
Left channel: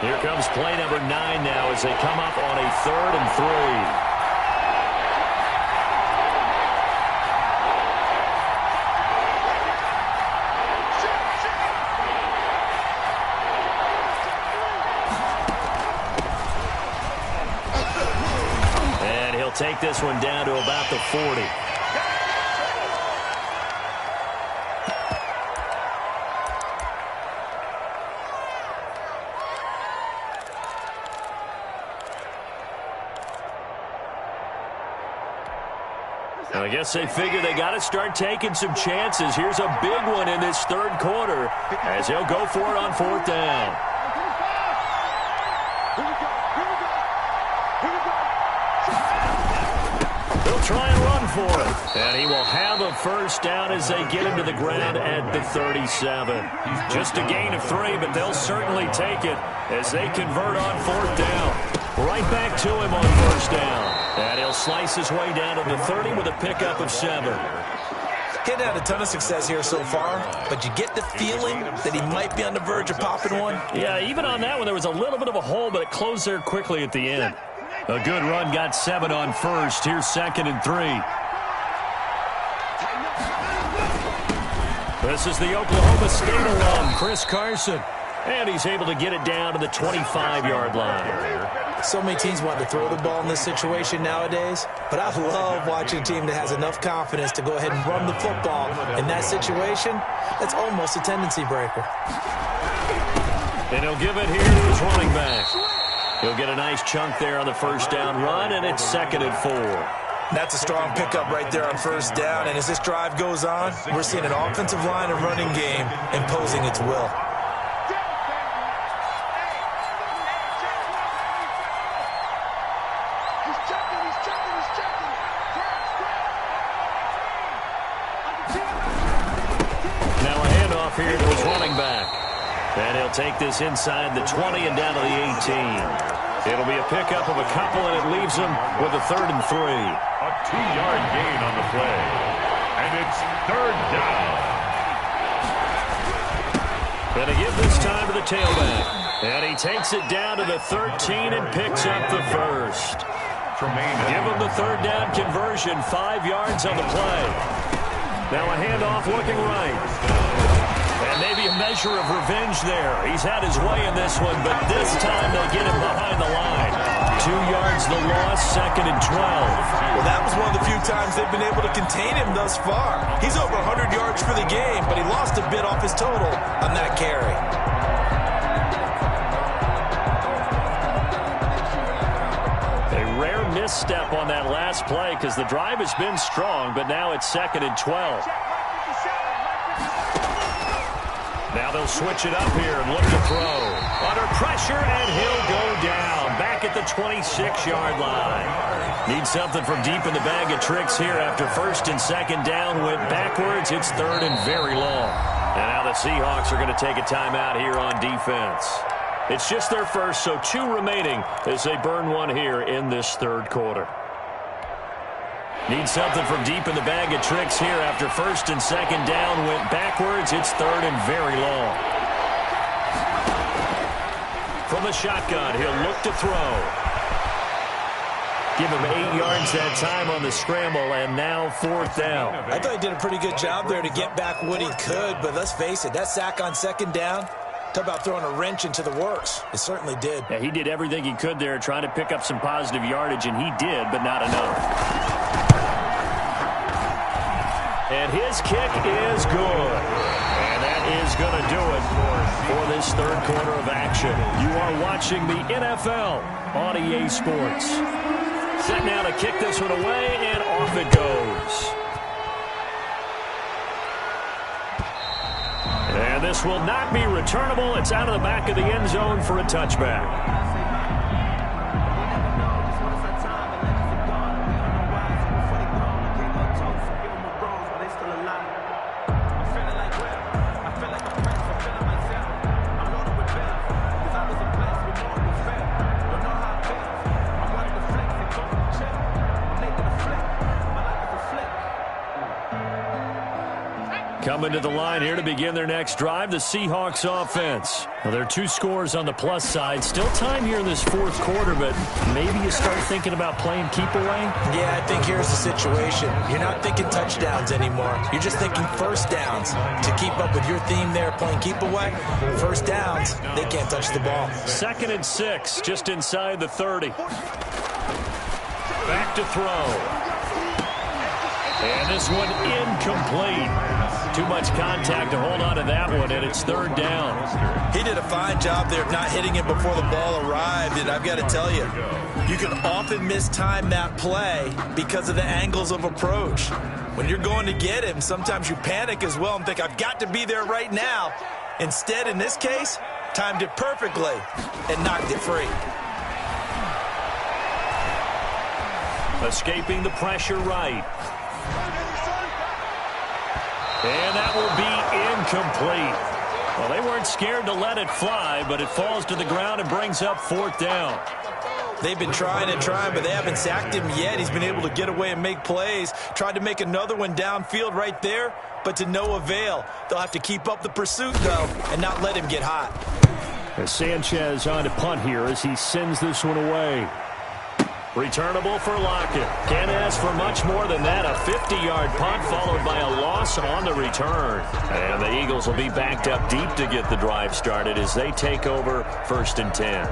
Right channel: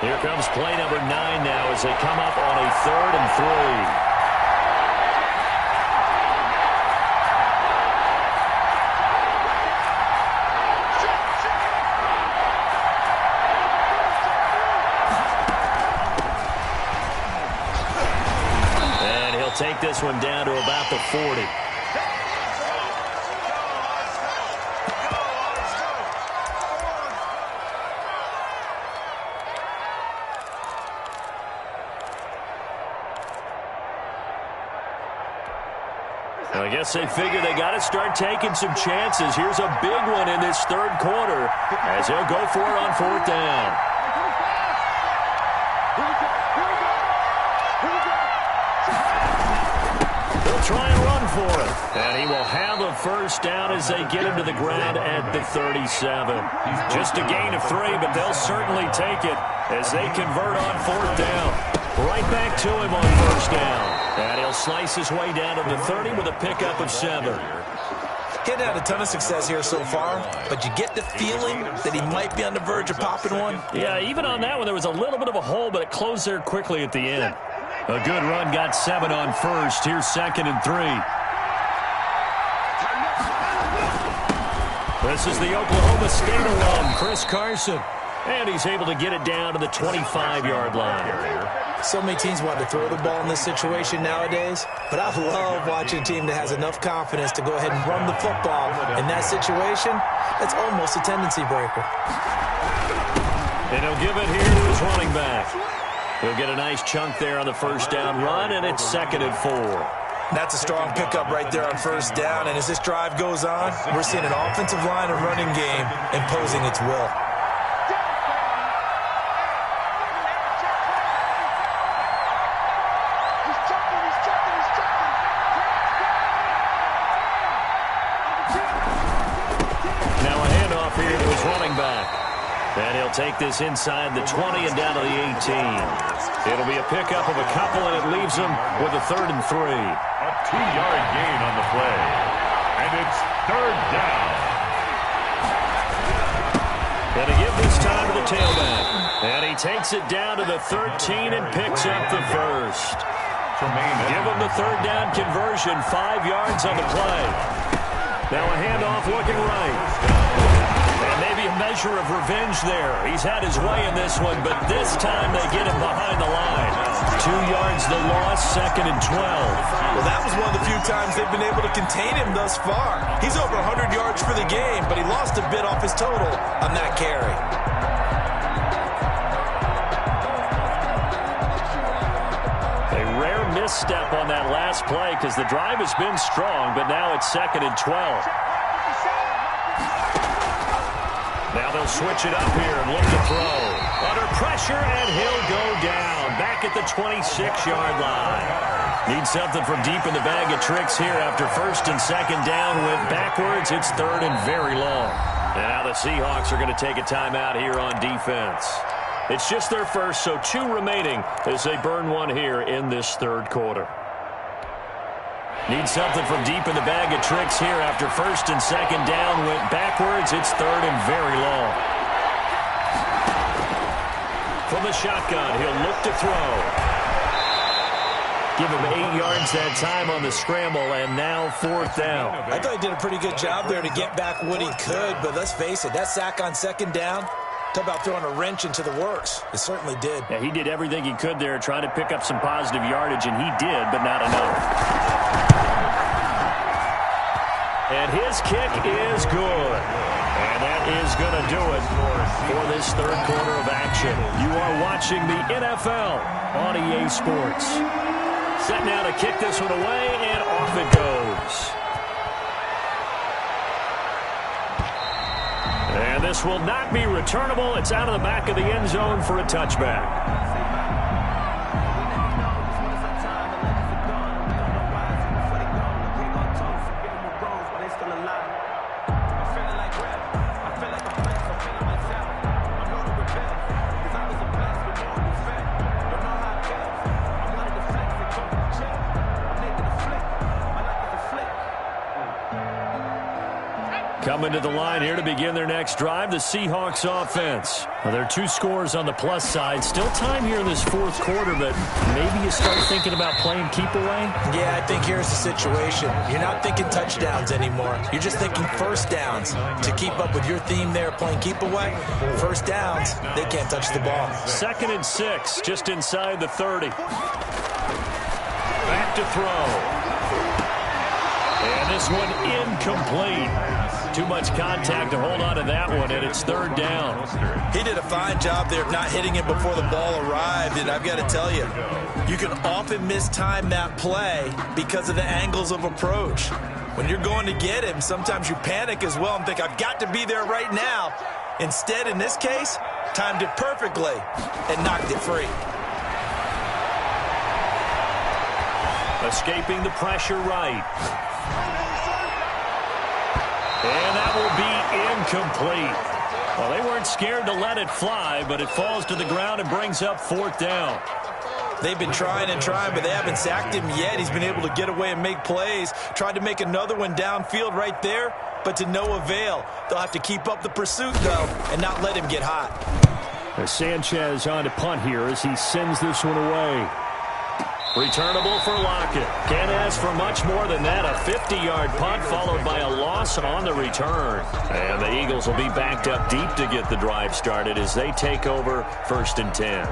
Here comes play number 9 now as they come up on a 3rd and 3. this one down to about the 40. I guess they figure they got to start taking some chances. Here's a big one in this third quarter as he'll go for it on fourth down. They'll try and run for it. And he will have a first down as they get him to the ground at the 37. Just a gain of 3, but they'll certainly take it as they convert on fourth down. Right back to him on first down. And he'll slice his way down to the 30 with a pickup of 7. He hadn't had a ton of success here so far, but you get the feeling that he might be on the verge of popping one. Yeah, even on that one, there was a little bit of a hole, but it closed there quickly at the end. A good run got 7 on first. Here's 2nd and 3. This is the Oklahoma State alum, Chris Carson. And he's able to get it down to the 25-yard line. So many teams want to throw the ball in this situation nowadays, but I love watching a team that has enough confidence to go ahead and run the football. In that situation, that's almost a tendency breaker. And he'll give it here to his running back. He'll get a nice chunk there on the first down run, and it's 2nd and 4. That's a strong pickup right there on first down, and as this drive goes on, we're seeing an offensive line and running game imposing its will. Here to his running back. And he'll take this inside the 20 and down to the 18. It'll be a pickup of a couple, and it leaves him with a 3rd and 3. A 2-yard gain on the play. And it's 3rd down. Gonna give this time to the tailback. And he takes it down to the 13 and picks up the first. Give him the 3rd down conversion, 5 yards on the play. Now a handoff looking right. And maybe a measure of revenge there. He's had his way in this one, but this time they get him behind the line. 2 yards the loss, 2nd and 12. Well, that was one of the few times they've been able to contain him thus far. He's over 100 yards for the game, but he lost a bit off his total on that carry. A rare misstep on that last play because the drive has been strong, but now it's 2nd and 12. Now they'll switch it up here and look to throw. Under pressure, and he'll go down. Back at the 26-yard line. Need something from deep in the bag of tricks here after 1st and 2nd down. Went backwards. It's 3rd and very long. And now the Seahawks are going to take a timeout here on defense. It's just their first, so 2 remaining as they burn one here in this 3rd quarter. Need something from deep in the bag of tricks here after 1st and 2nd down. Went backwards. It's 3rd and very long. From the shotgun, he'll look to throw. Give him 8 yards that time on the scramble, and now 4th down. I thought he did a pretty good job there to get back what he could, but let's face it, that sack on 2nd down, talk about throwing a wrench into the works. It certainly did. Yeah, he did everything he could there trying to pick up some positive yardage, and he did, but not enough. And his kick is good. And that is going to do it for this 3rd quarter of action. You are watching the NFL on EA Sports. Set now to kick this one away, and off it goes. And this will not be returnable. It's out of the back of the end zone for a touchback. Coming to the line here to begin their next drive, the Seahawks offense. Now, there are 2 scores on the plus side. Still time here in this 4th quarter, but maybe you start thinking about playing keep away? Yeah, I think here's the situation. You're not thinking touchdowns anymore. You're just thinking first downs. To keep up with your theme there, playing keep away, first downs, they can't touch the ball. 2nd and 6, just inside the 30. Back to throw. And this one incomplete. Too much contact to hold on to that one, and it's third down. He did a fine job there of not hitting him before the ball arrived, and I've got to tell you, you can often mistime that play because of the angles of approach. When you're going to get him, sometimes you panic as well and think, I've got to be there right now. Instead, in this case, timed it perfectly and knocked it free. Escaping the pressure right. And that will be incomplete. Well, they weren't scared to let it fly, but it falls to the ground and brings up fourth down. They've been trying and trying, but they haven't sacked him yet. He's been able to get away and make plays. Tried to make another one downfield right there, but to no avail. They'll have to keep up the pursuit, though, and not let him get hot. As Sanchez on to punt here as he sends this one away. Returnable for Lockett. Can't ask for much more than that. A 50-yard punt followed by a loss on the return. And the Eagles will be backed up deep to get the drive started as they take over 1st and 10.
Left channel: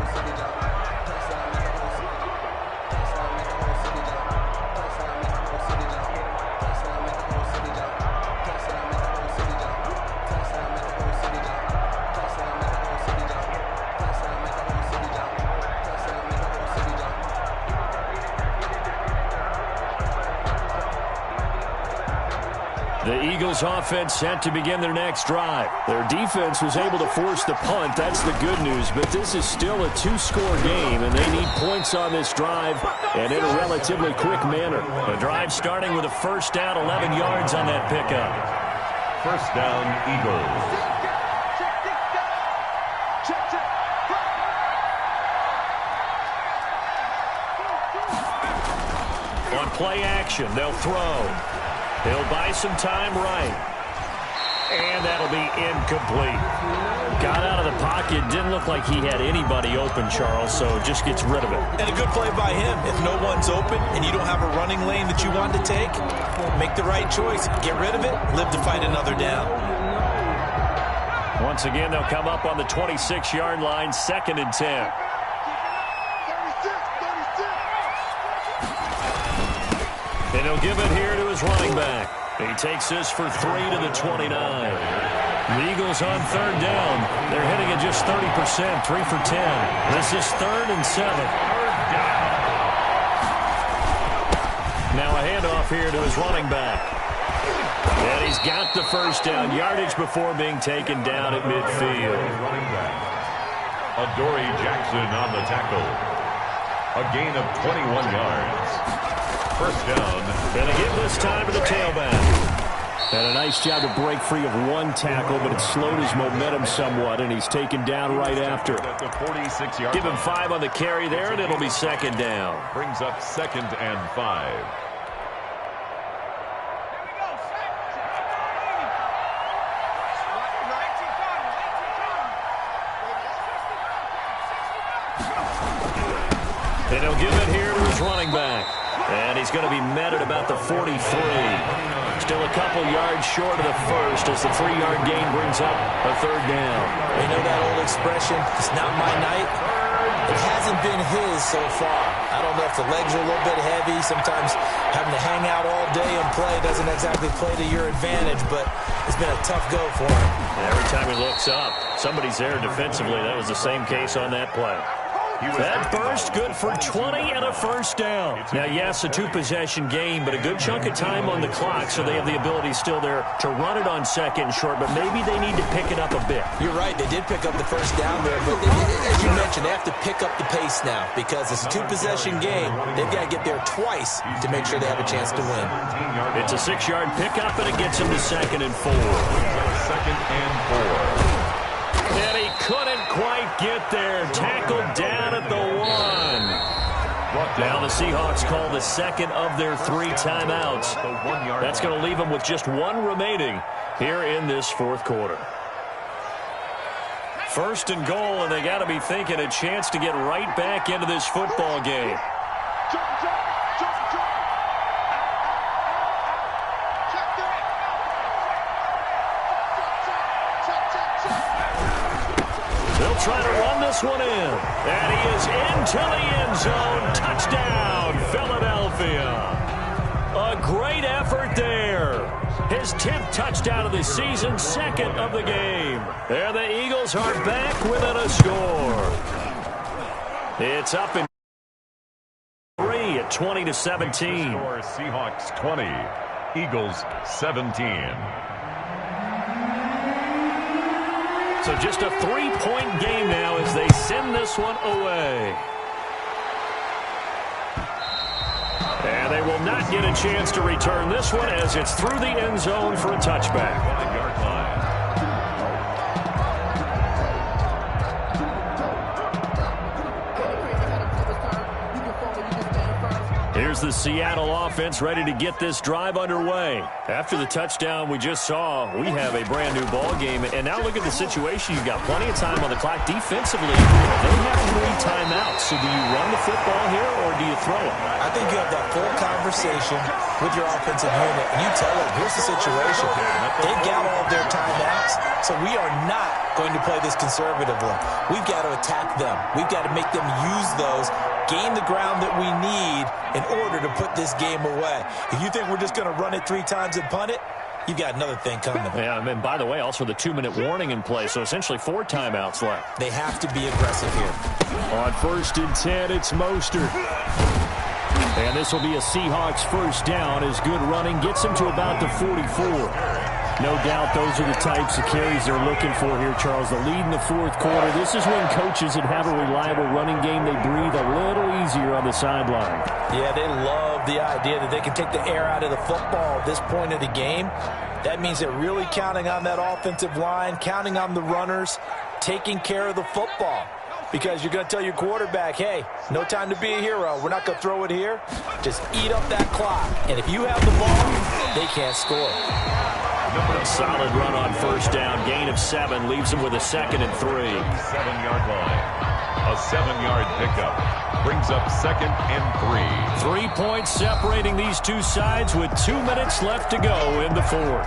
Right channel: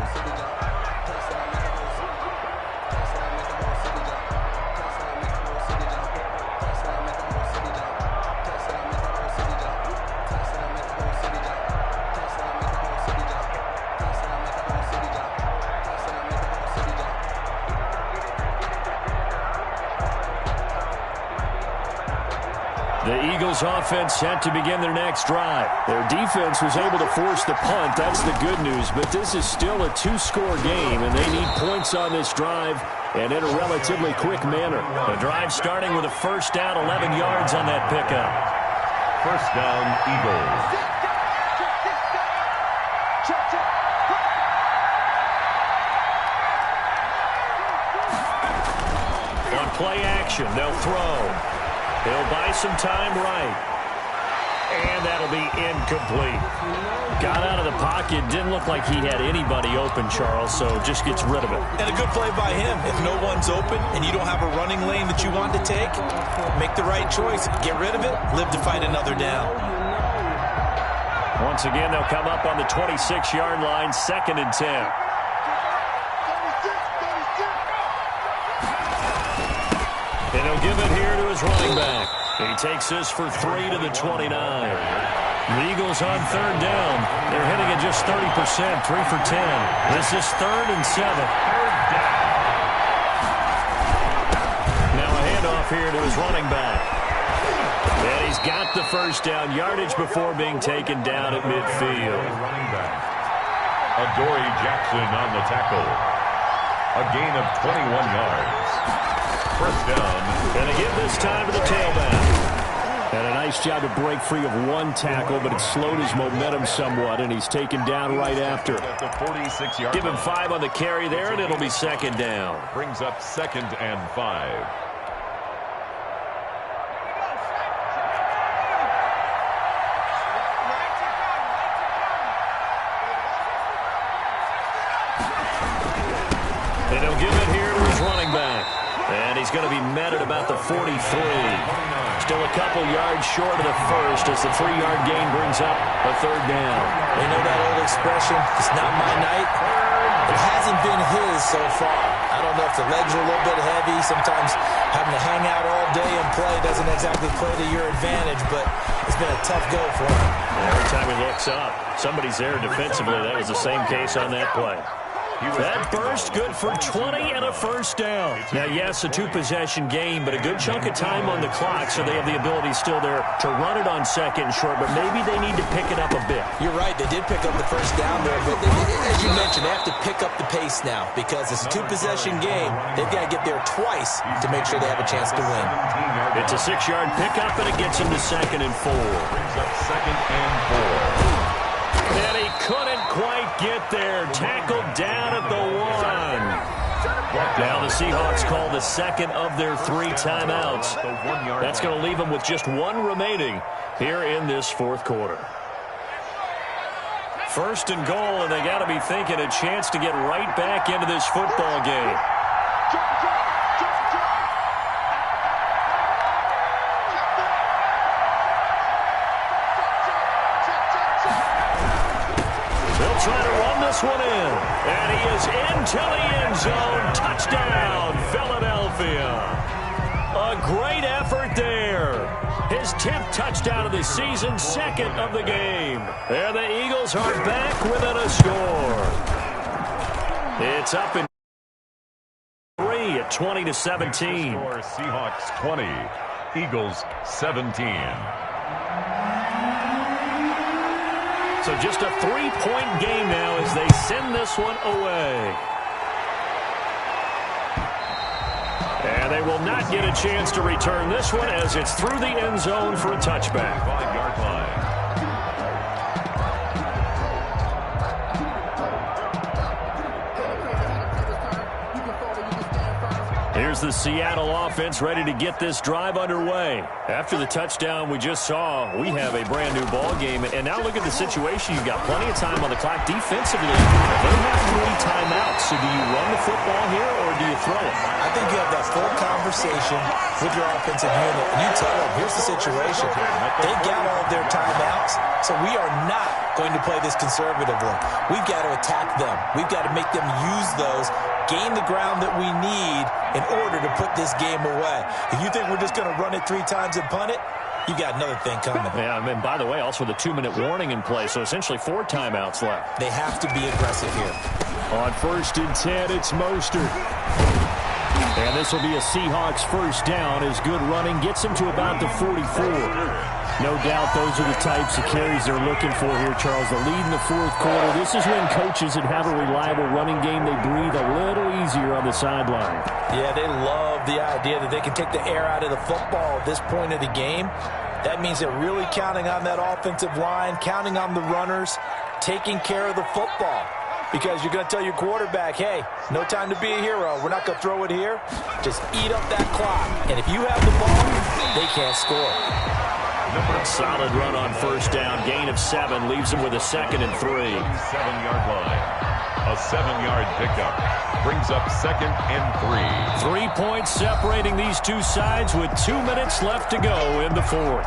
The Eagles offense set to begin their next drive. Their defense was able to force the punt. That's the good news. But this is still a two-score game, and they need points on this drive and in a relatively quick manner. The drive starting with a first down, 11 yards on that pickup. First down, Eagles. On play action, they'll throw. He'll buy some time right. And that'll be incomplete. Got out of the pocket. Didn't look like he had anybody open, Charles, so just gets rid of it. And a good play by him. If no one's open and you don't have a running lane that you want to take, make the right choice. Get rid of it. Live to fight another down. Once again, they'll come up on the 26-yard line, 2nd and 10. And he'll give it here to his running back. He takes this for 3 to the 29. The Eagles on third down. They're hitting at just 30%, 3 for 10. This is 3rd and 7. Now a handoff here to his running back. And he's got the first down, yardage before being taken down at midfield. Running back. Adoree Jackson on the tackle. A gain of 21 yards. First down. Going to give this time to the tailback. And a nice job to break free of one tackle, but it slowed his momentum somewhat, and he's taken down right after. Give him 5 on the carry there, and it'll be 2nd down. Brings up 2nd and 5. And he'll give it here to his running back. And he's going to be met at about the 43. Still a couple yards short of the first as the 3-yard gain brings up a 3rd down. You know that old expression, it's not my night? It hasn't been his so far. I don't know if the legs are a little bit heavy. Sometimes having to hang out all day and play doesn't exactly play to your advantage, but it's been a tough go for him. Every time he looks up, somebody's there defensively. That was the same case on that play. That burst good for 20 and a first down. Now, yes, a 2-possession game, but a good chunk of time on the clock, so they have the ability still there to run it on 2nd and short, but maybe they need to pick it up a bit. You're right. They did pick up the first down there, but as you mentioned, they have to pick up the pace now because it's a 2-possession game. They've got to get there twice to make sure they have a chance to win. It's a 6-yard pickup, and it gets them to 2nd and 4. 2nd and 4. And he couldn't quite get there. Tackled down at the 1. Now the Seahawks call the 2nd of their 3 timeouts. That's going to leave them with just 1 remaining here in this 4th quarter. 1st and goal, and they got to be thinking a chance to get right back into this football game. They'll try to run this one in. And he is into the end zone. Touchdown, Philadelphia. A great effort there. His 10th touchdown of the season, 2nd of the game. And the Eagles are back within a score. It's up in 3 at 20-17. Score Seahawks 20, Eagles 17. So just a 3-point game now as they send this one away. And they will not get a chance to return this one as it's through the end zone for a touchback. 5-yard line. Here's the Seattle offense ready to get this drive underway. After the touchdown we just saw, we have a brand new ball game. And now look at the situation. You've got plenty of time on the clock defensively. They have 3 timeouts. So do you run the football here or do you throw it? I think you have that full conversation with your offensive unit, and you tell them, here's the situation. They got all of their timeouts, so we are not going to play this conservatively. We've got to attack them. We've got to make them use those, gain the ground that we need in order to put this game away. If you think we're just going to run it 3 times and punt it, you got another thing coming. Yeah, and by the way, also the 2-minute warning in play, so essentially 4 timeouts left. They have to be aggressive here. On 1st and 10, it's Mostert. And this will be a Seahawks first down as good running gets him to about the 44. No doubt those are the types of carries they're looking for here, Charles. The lead in the 4th quarter. This is when coaches that have a reliable running game, they breathe a little easier on the sideline. Yeah, they love the idea that they can take the air out of the football at this point of the game. That means they're really counting on that offensive line, counting on the runners, taking care of the football. Because you're going to tell your quarterback, hey, no time to be a hero. We're not going to throw it here. Just eat up that clock. And if you have the ball, they can't score. A solid run on 1st down. Gain of 7 leaves him with a 2nd and 3. 7-yard line. A 7-yard pickup. Brings up 2nd and 3. 3 points separating these two sides with 2 minutes left to go in the 4th.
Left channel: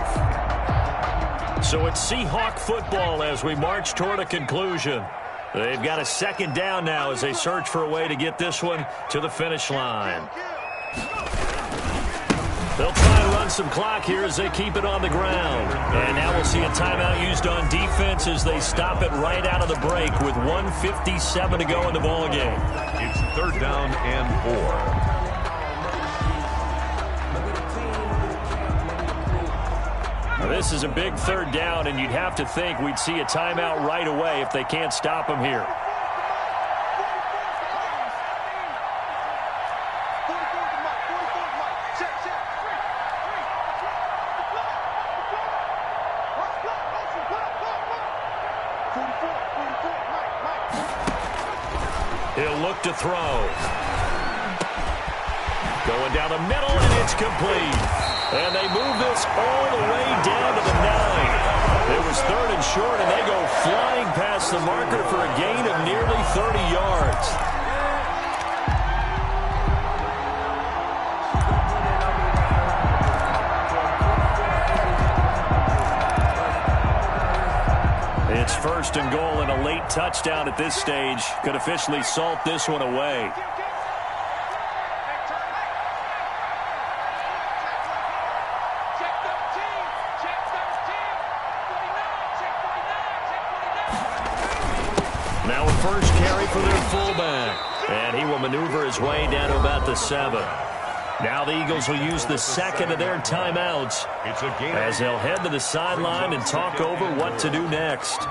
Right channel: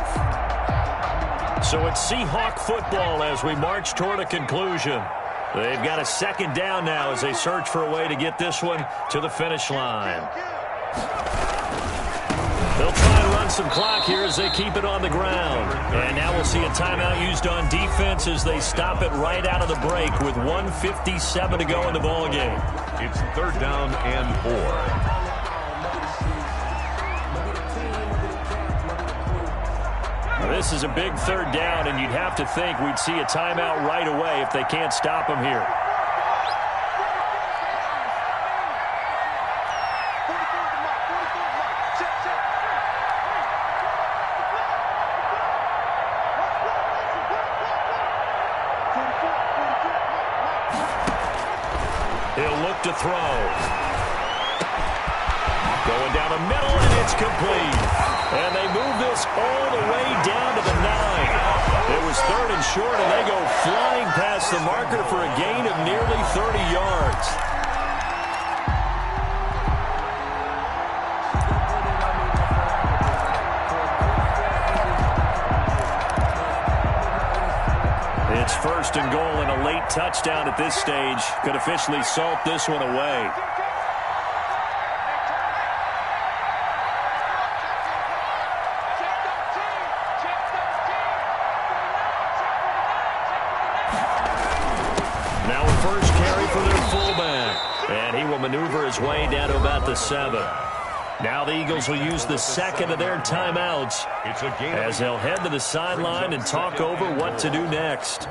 So it's Seahawk football as we march toward a conclusion. They've got a 2nd down now as they search for a way to get this one to the finish line. They'll try to run some clock here as they keep it on the ground. And now we'll see a timeout used on defense as they stop it right out of the break with 1:57 to go in the ballgame. It's 3rd down and 4. This is a big 3rd down, and you'd have to think we'd see a timeout right away if they can't stop him here. He'll look to throw. Going down the middle, and it's complete. And they move this all the way down to the 9. It was 3rd and short, and they go flying past the marker for a gain of nearly 30 yards. It's 1st and goal, and a late touchdown at this stage could officially salt this one away. Now a first carry for their fullback. And he will maneuver his way down to about the 7. Now the Eagles will use the 2nd of their timeouts as they'll head to the sideline and talk over what to do next.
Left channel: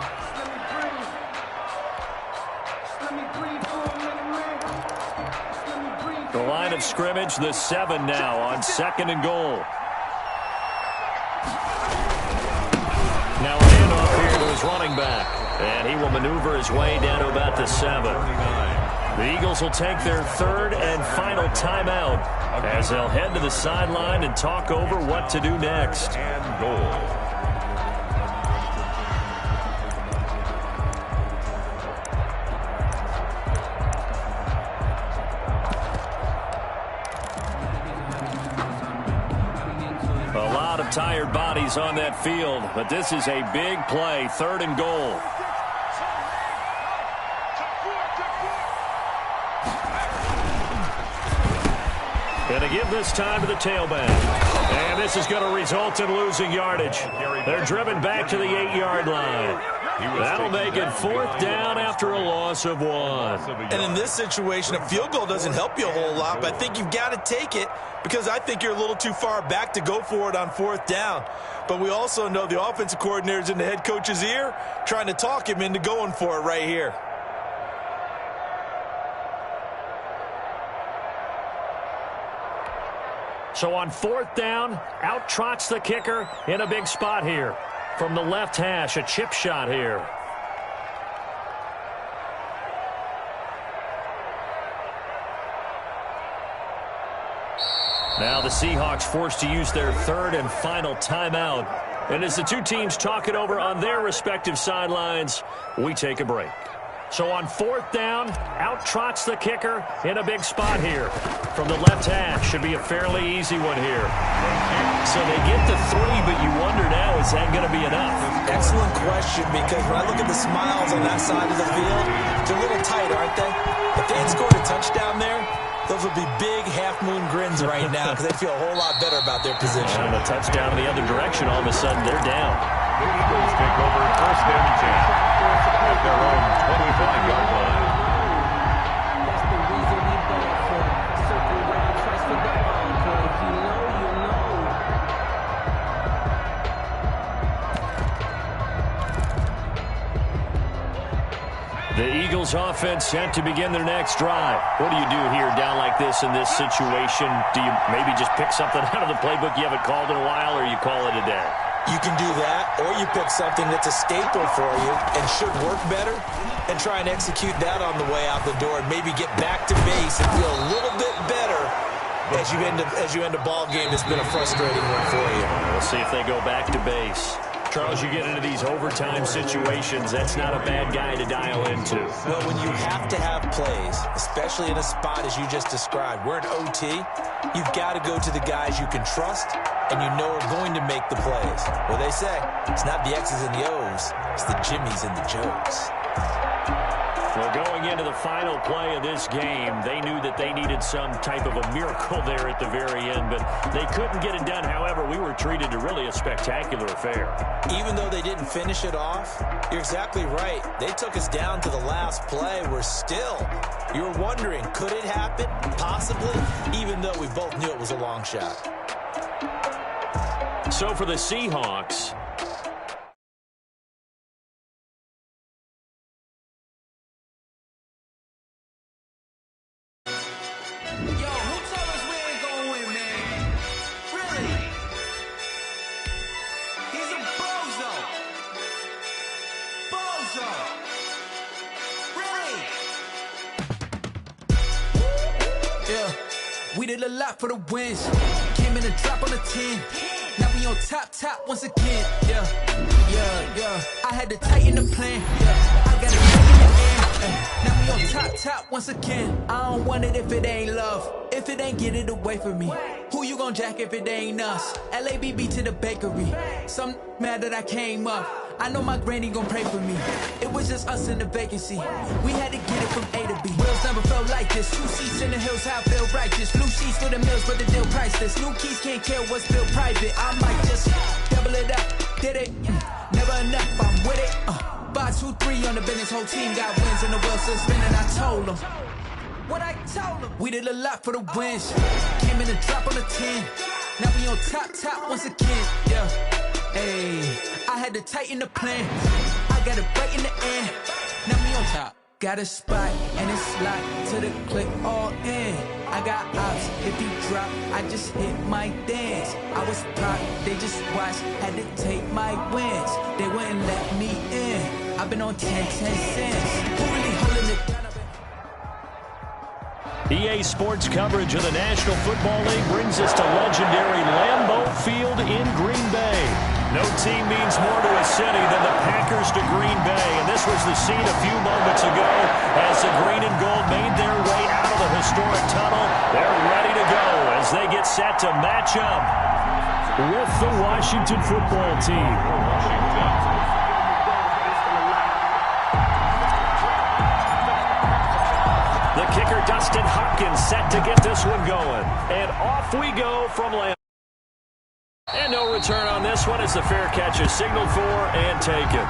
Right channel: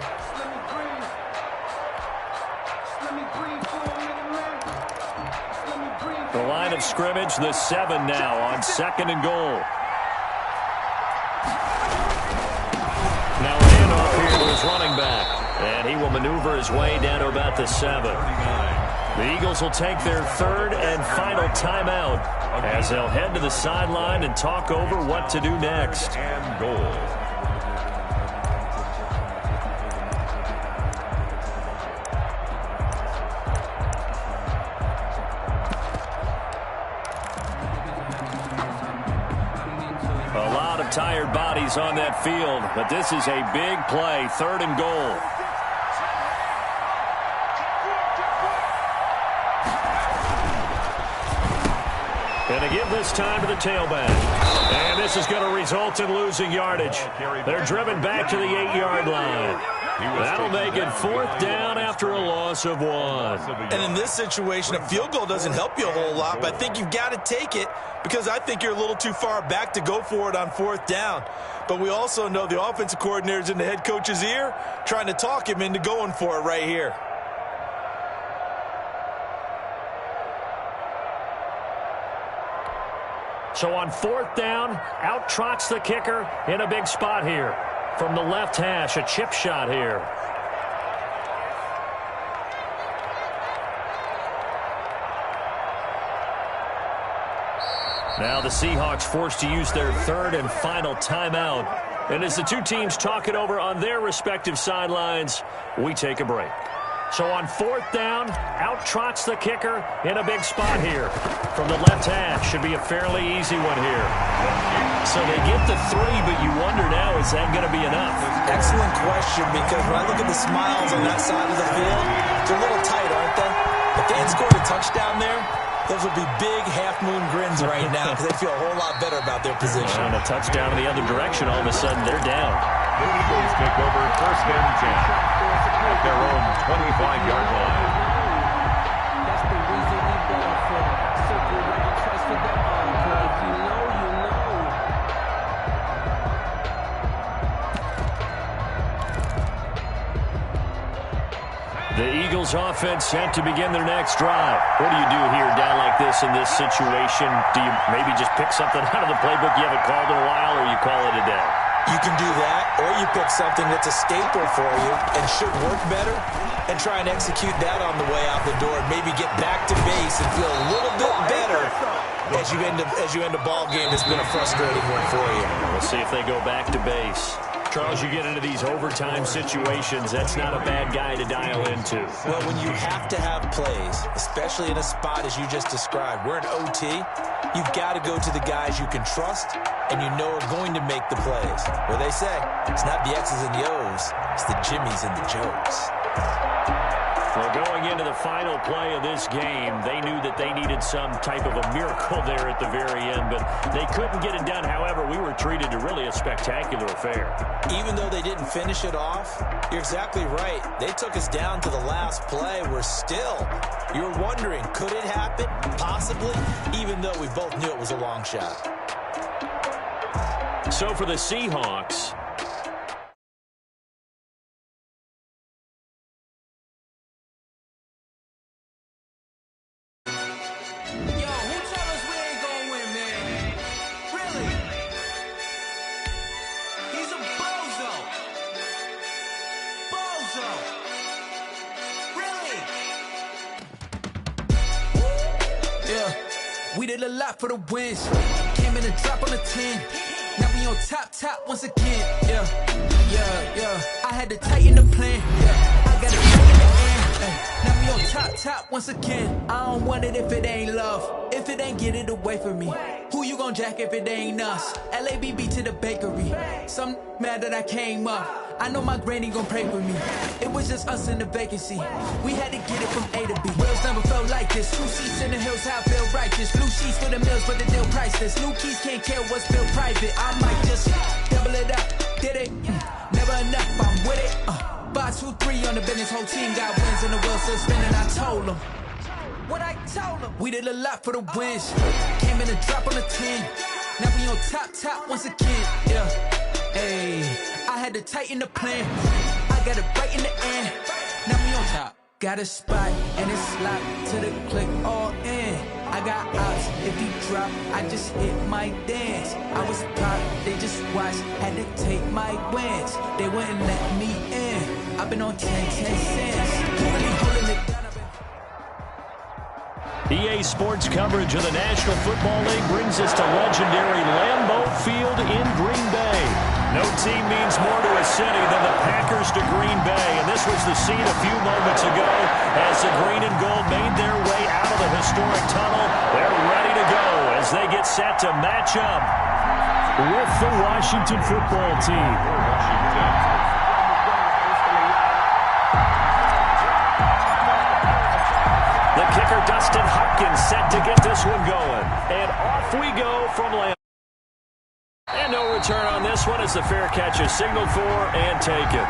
The line of scrimmage, the 7 now on 2nd and goal. Now a handoff here to his running back. And he will maneuver his way down to about the 7. The Eagles will take their 3rd and final timeout as they'll head to the sideline and talk over what to do next. And goal. A lot of tired bodies on that field, but this is a big play, 3rd and goal. And they give this time to the tailback. And this is going to result in losing yardage. They're driven back to the 8-yard line. That'll make it 4th down after a loss of 1. And in this situation, a field goal doesn't help you a whole lot, but I think you've got to take it because I think you're a little too far back to go for it on 4th down. But we also know the offensive coordinator's in the head coach's ear trying to talk him into going for it right here. So on 4th down, out trots the kicker in a big spot here. From the left hash, a chip shot here. Now the Seahawks forced to use their 3rd and final timeout. And as the two teams talk it over on their respective sidelines, we take a break. So on 4th down, out trots the kicker in a big spot here. From the left hash, should be a fairly easy one here. So they get the 3, but you wonder now, is that going to be enough? Excellent question, because when I look at the smiles on that side of the field, they're a little tight, aren't they? If they had scored a touchdown there, those would be big half-moon grins right now because they feel a whole lot better about their position. And a touchdown in the other direction, all of a sudden they're down. The Eagles take over 1st and 10 at their own 25-yard line. That's the reason we ball for. Circle around twice for the encore. If you know, you know. The Eagles offense set to begin their next drive. What do you do here down like this in this situation? Do you maybe just pick something out of the playbook you haven't called in a while, or you call it a day? You can do that, or you pick something that's a staple for you and should work better and try and execute that on the way out the door and maybe get back to base and feel a little bit better as you end a ball game that's been a frustrating one for you. We'll see if they go back to base. Charles, you get into these overtime situations, that's not a bad guy to dial into. Well, when you have to have plays, especially in a spot as you just described, we're in OT, you've got to go to the guys you can trust and you know are going to make the plays. Well, they say it's not the X's and the O's, it's the Jimmys and the Joes. Well, going into the final play of this game, they knew that they needed some type of a miracle there at the very end, but they couldn't get it done. However, we were treated to really a spectacular affair. Even though they didn't finish it off, you're exactly right. They took us down to the last play. We're still, you're wondering, could it happen? Possibly, even though we both knew it was a long shot. So for the Seahawks, we did a lot for the wins. Came in a drop on the 10. Now we on top once again. Yeah. I had to tighten the plan. Yeah. I got it right in the air. Now we on top once again. I don't want it if it ain't love. If it ain't, get it away from me. Who you gon' jack if it ain't us? LABB to the bakery. Some mad that I came up. I know my granny gon' pray for me. It was just us in the vacancy. We had to get it from A to B. Wheels never felt like this. 2 seats in the hills, how I feel righteous. Blue sheets for the mills, but the deal priceless. New keys can't care what's built private. I might just double it up. Did it? Never enough, I'm with it. 5, 2, 3 on the business. Whole team got wins and the wheels still spinning. I told them what I told them. We did a lot for the wins. Came in a drop on the 10. Now we on top once again. Yeah. Hey, I had to tighten the plan. I got it right in the end. Now we on top. Got a spot and it's locked to the click all in. I got ops. If he drop, I just hit my dance. I was pop, they just watched. Had to take my wins. They wouldn't let me in. I've been on 10 cents. Who really holding it down? EA Sports coverage of the National Football League brings us to legendary Lambeau Field in Green Bay. No team means more to a city than the Packers to Green Bay, and this was the scene a few moments ago as the green and gold made their way out of the historic tunnel. They're ready to go as they get set to match up with the Washington football team. The kicker Dustin Hopkins set to get this one going. And off we go from land. And no return on this one as the fair catch is signaled for and taken.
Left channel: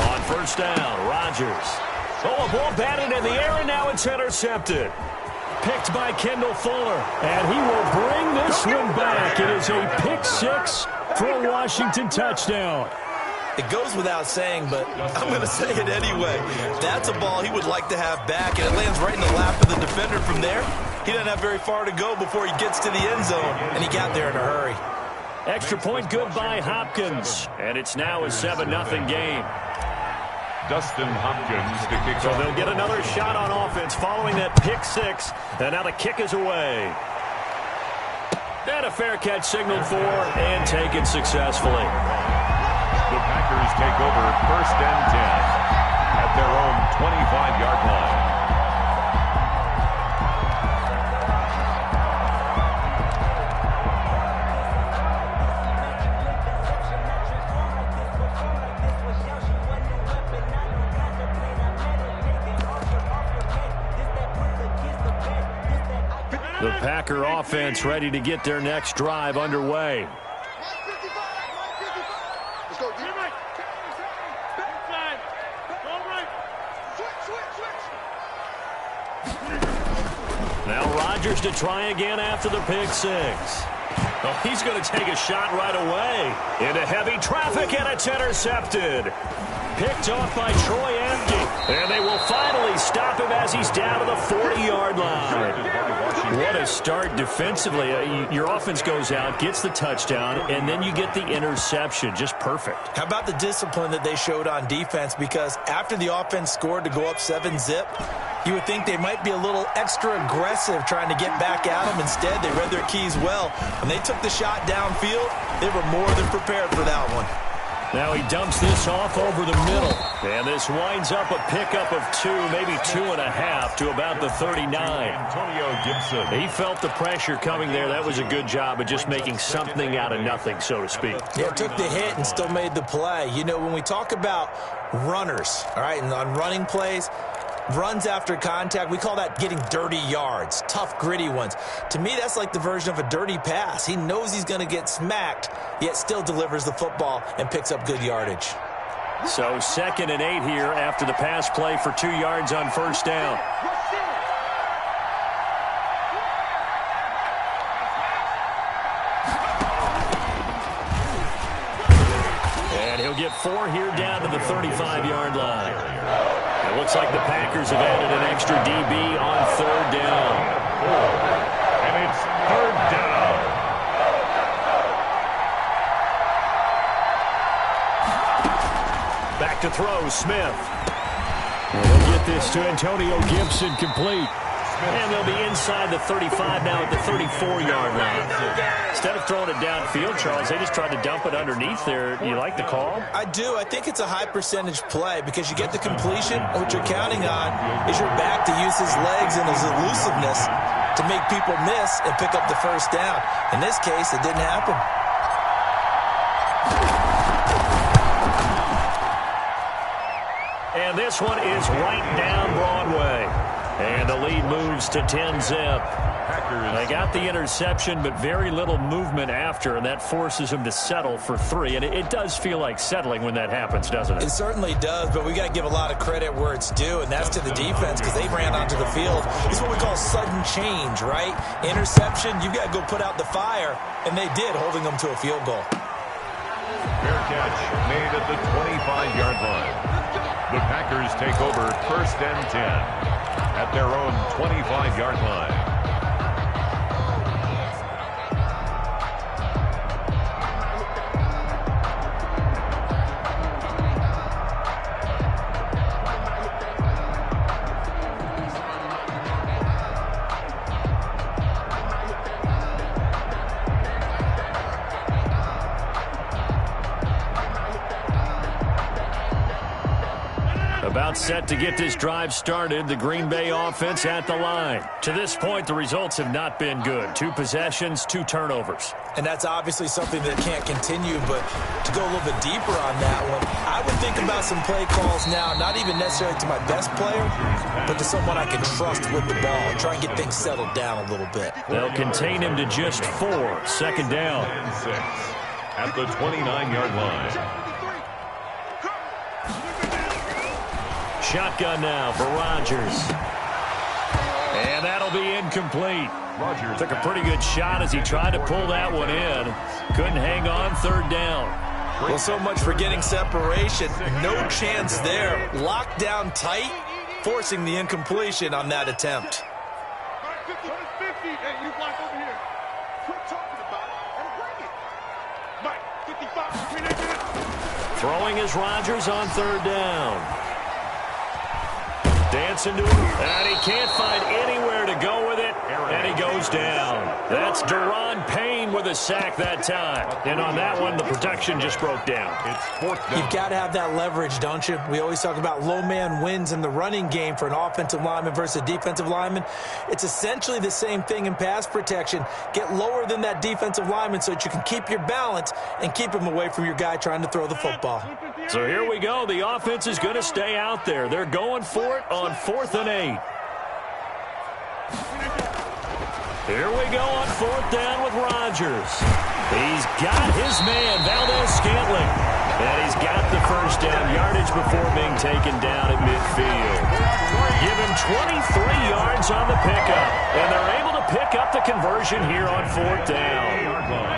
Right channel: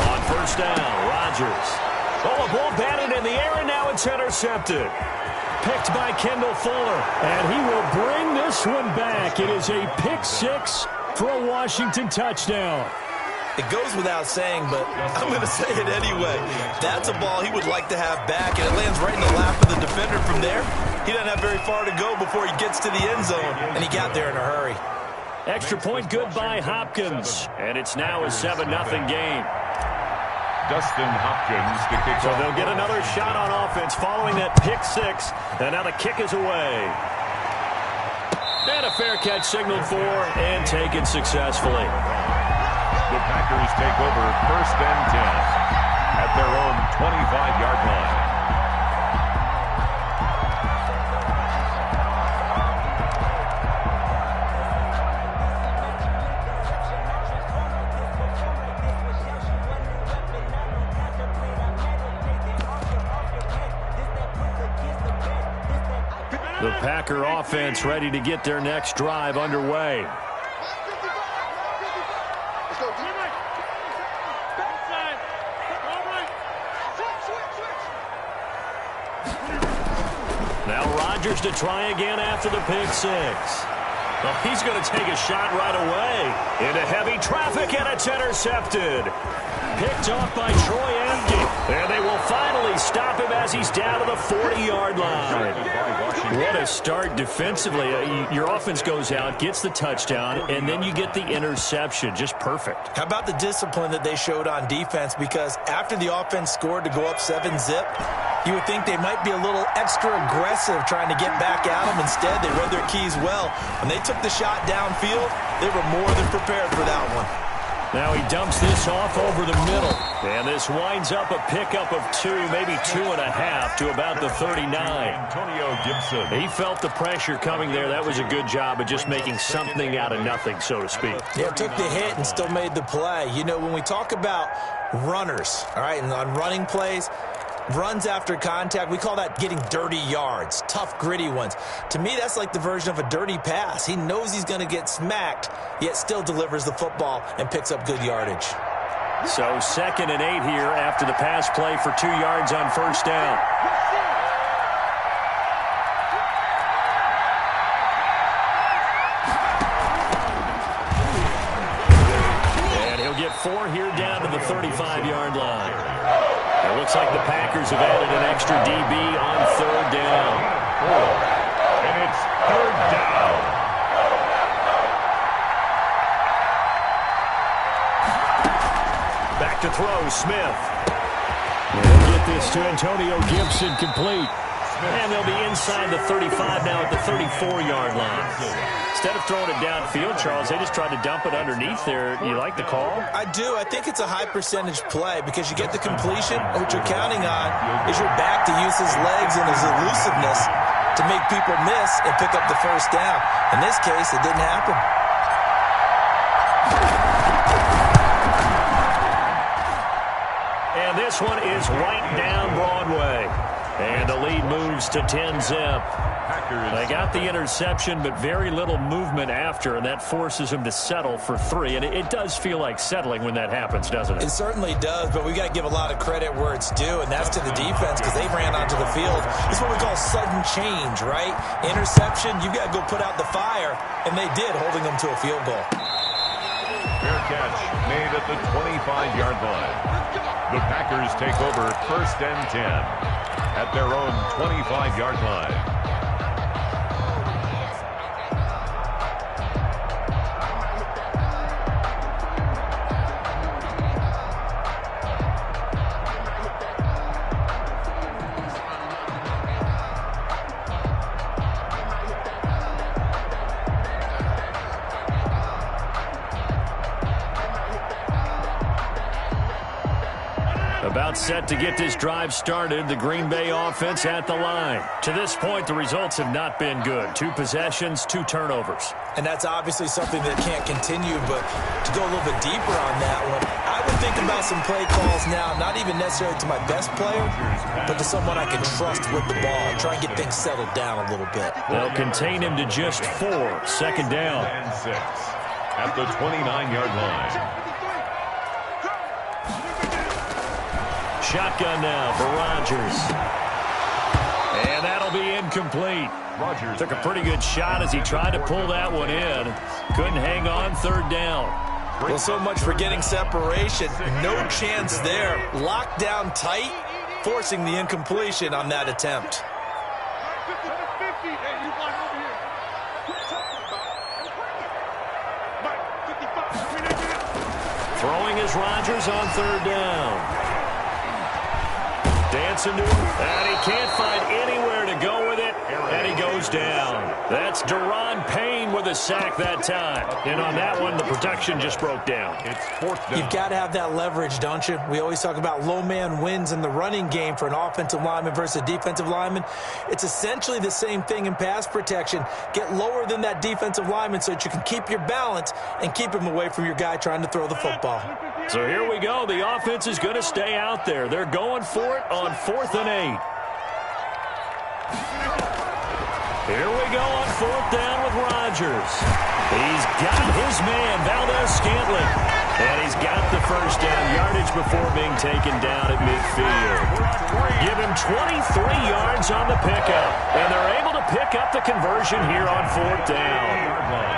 On first down, Rodgers. Oh, a ball batted in the air, and now it's intercepted. Picked by Kendall Fuller. And he will bring this one back. It is a pick six for a Washington touchdown. It goes without saying, but I'm going to say it anyway. That's a ball he would like to have back, and it lands right in the lap of the defender from there. He doesn't have very far to go before he gets to the end zone, and he got there in a hurry. Extra point good by Hopkins, and it's now a 7-0 game. Dustin Hopkins to kick So off. they'll get another shot on offense following that pick six, and now the kick is away. And a fair catch signaled for and taken successfully. The Packers take over 1st and 10 at their own 25-yard line. The Packer offense ready to get their next drive underway. Let's go. Now Rodgers to try again after the pick six. Oh, he's going to take a shot right away. Into heavy traffic, and it's intercepted. Picked off by Troy Apke. And they will finally stop him as he's down to the 40-yard line. What a start defensively. Your offense goes out, gets the touchdown, and then you get the interception. Just perfect. How about the discipline that they showed on defense? Because after the offense scored to go up 7-zip, you would think they might be a little extra aggressive trying to get back at them. Instead, they read their keys well. When they took the shot downfield, they were more than prepared for that one. Now he dumps this off over the middle. And this winds up a pickup of 2, maybe 2.5 to about the 39. Antonio Gibson. He felt the pressure coming there. That was a good job of just making something out of nothing, so to speak. Yeah, took the hit and still made the play. You know, when we talk about runners, all right, and on running plays, runs after contact, we call that getting dirty yards, tough, gritty ones. To me, that's like the version of a dirty pass. He knows he's going to get smacked, yet still delivers the football and picks up good yardage. So 2nd and 8 here after the pass play for 2 yards on first down. And he'll get 4 here down to the 35-yard line. It looks like the Packers have added an extra DB on 3rd down. And it's 3rd down. back to throw, Smith. And he'll get this to Antonio Gibson complete. And they'll be inside the 35 now at the 34-yard line. Instead of throwing it downfield, Charles, they just tried to dump it underneath there. You like the call? I do. I think it's a high-percentage play because you get the completion. What you're counting on is your back to use his legs and his elusiveness to make people miss and pick up the first down. In this case, it didn't happen. And this one is right down Broadway. And the lead moves to 10-zip. They got the interception, but very little movement after, and that forces them to settle for 3. And it does feel like settling when that happens, doesn't it? It certainly does, but we got to give a lot of credit where it's due, and that's to the defense because they ran onto the field. It's what we call sudden change, right? Interception, you got to go put out the fire, and they did, holding them to a field goal. Fair catch made at the 25-yard line. The Packers take over 1st and 10 at their own 25-yard line. About set to get this drive started, the Green Bay offense at the line. To this point, the results have not been good. 2 possessions, 2 turnovers. And that's obviously something that can't continue, but to go a little bit deeper on that one, I would think about some play calls now, not even necessarily to my best player, but to someone I can trust with the ball and try and get things settled down a little bit. They'll contain him to just 4. 2nd down. And 6 at the 29-yard line. Shotgun now for Rodgers. And that'll be incomplete. Rodgers took a pretty good shot as he tried to pull that one in. Couldn't hang on 3rd down. Well, so much for getting separation. No chance there. Locked down tight, forcing the incompletion on that attempt. Hey, you block over here. Quit talking about it and bring it. Mike, 55. Throwing is Rodgers on 3rd down. Dancing to him, and he can't find anywhere to go with it, and he goes down. That's Daron Payne with a sack that time. And on that one, the protection just broke down. It's 4th down. You've got to have that leverage, don't you? We always talk about low man wins in the running game for an offensive lineman versus a defensive lineman. It's essentially the same thing in pass protection. Get lower than that defensive lineman so that you can keep your balance and keep him away from your guy trying to throw the football. So here we go. The offense is going to stay out there. They're going for it on 4th and 8. Here we go on 4th down with Rodgers. He's got his man, Valdez-Scantling. And he's got the first down yardage before being taken down at midfield. Give him 23 yards on the pickup. And they're able to pick up the conversion here on 4th down.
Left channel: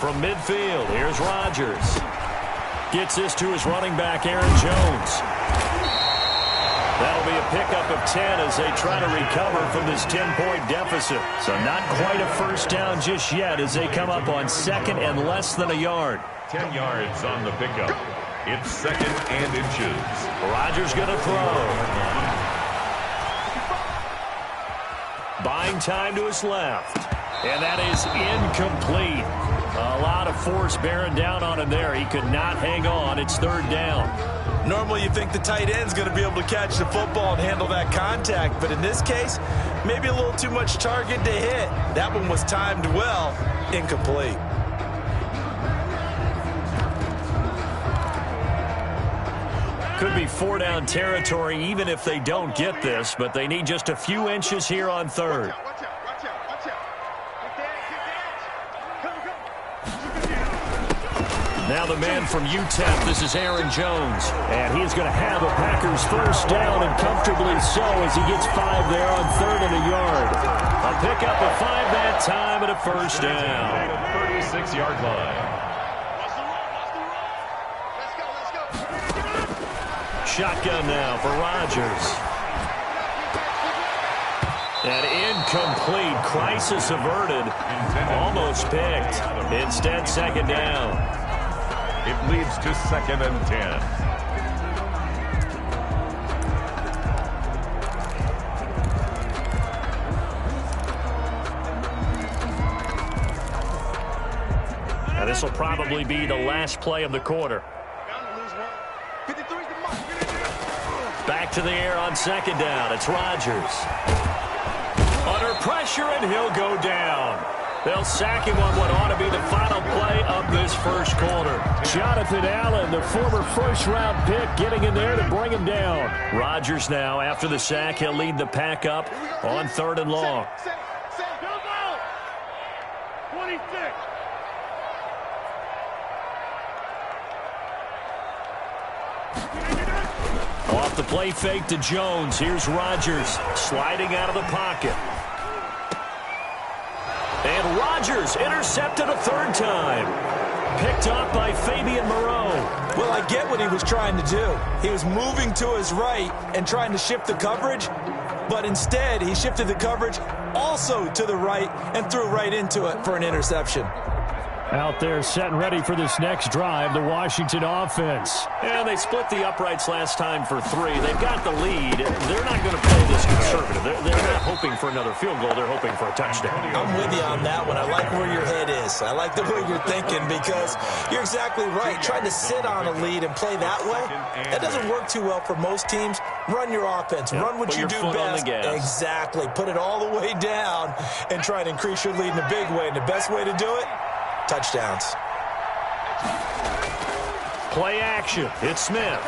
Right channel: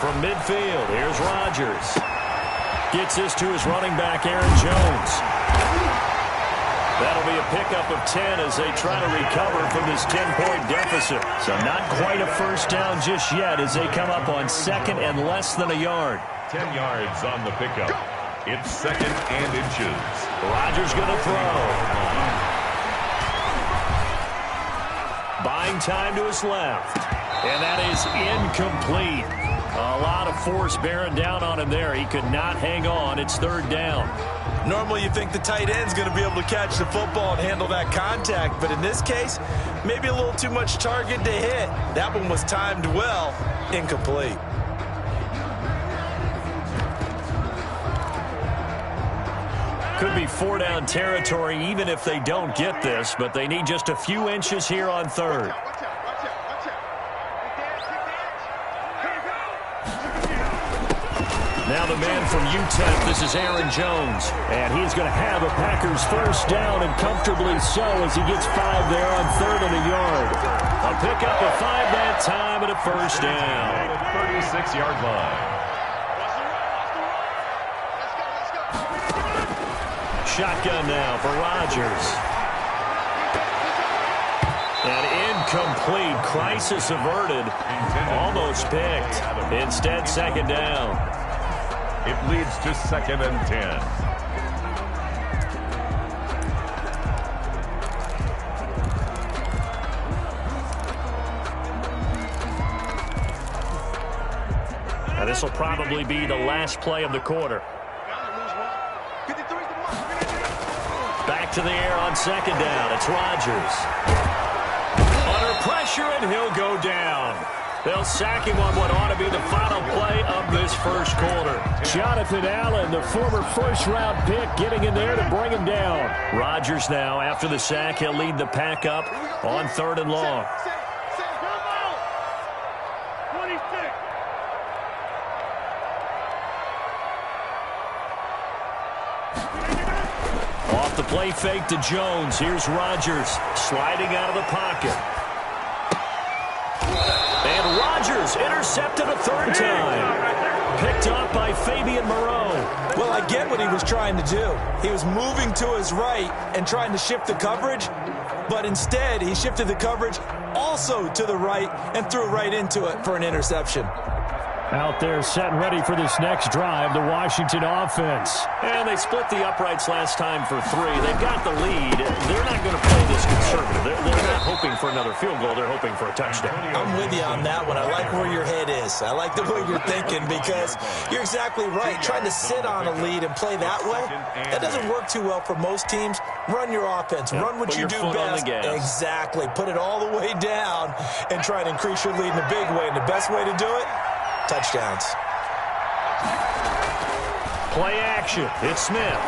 From midfield, here's Rodgers. Gets this to his running back, Aaron Jones. That'll be a pickup of 10 as they try to recover from this 10-point deficit. So not quite a first down just yet as they come up on 2nd and less than a yard. 10 yards on the pickup. It's 2nd and inches. Rodgers going to throw. Buying time to his left. And that is incomplete. A lot of force bearing down on him there. He could not hang on. It's 3rd down. Normally you think the tight end's going to be able to catch the football and handle that contact, but in this case, maybe a little too much target to hit. That one was timed well, incomplete. Could be 4-down territory even if they don't get this, but they need just a few inches here on 3rd. Now the man from UTEP, this is Aaron Jones. And he's going to have a Packers first down, and comfortably so as he gets 5 there on 3rd and a yard. A pickup of 5 that time and a first down. 36-yard line. Shotgun now for Rodgers. And incomplete. Crisis averted. Almost picked. Instead, second down. It leads to 2nd and 10. Now, this will probably be the last play of the quarter. Back to the air on second down. It's Rodgers. Under pressure, and he'll go down. They'll sack him on what ought to be the final play of this first quarter. Jonathan Allen, the former first-round pick, getting in there to bring him down. Rodgers now, after the sack, he'll lead the pack up on 3rd and long. 26. Off the play fake to Jones. Here's Rodgers sliding out of the pocket. And Rodgers intercepted a 3rd time. Picked up by Fabian Moreau. Well, I get what he was trying to do. He was moving to his right and trying to shift the coverage, but instead he shifted the coverage also to the right and threw right into it for an interception. Out there set and ready for this next drive, the Washington offense. And they split the uprights last time for 3. They've got the lead. They're not going to play this conservative. They're not hoping for another field goal. They're hoping for a touchdown. I'm with you on that one. I like where your head is. I like the way you're thinking because you're exactly right. Trying to sit on a lead and play that way, that doesn't work too well for most teams. Run your offense. Yep. Run what you do best. Exactly. Put it all the way down and try to increase your lead in a big way. And the best way to do it, touchdowns. Play action. It's Smith.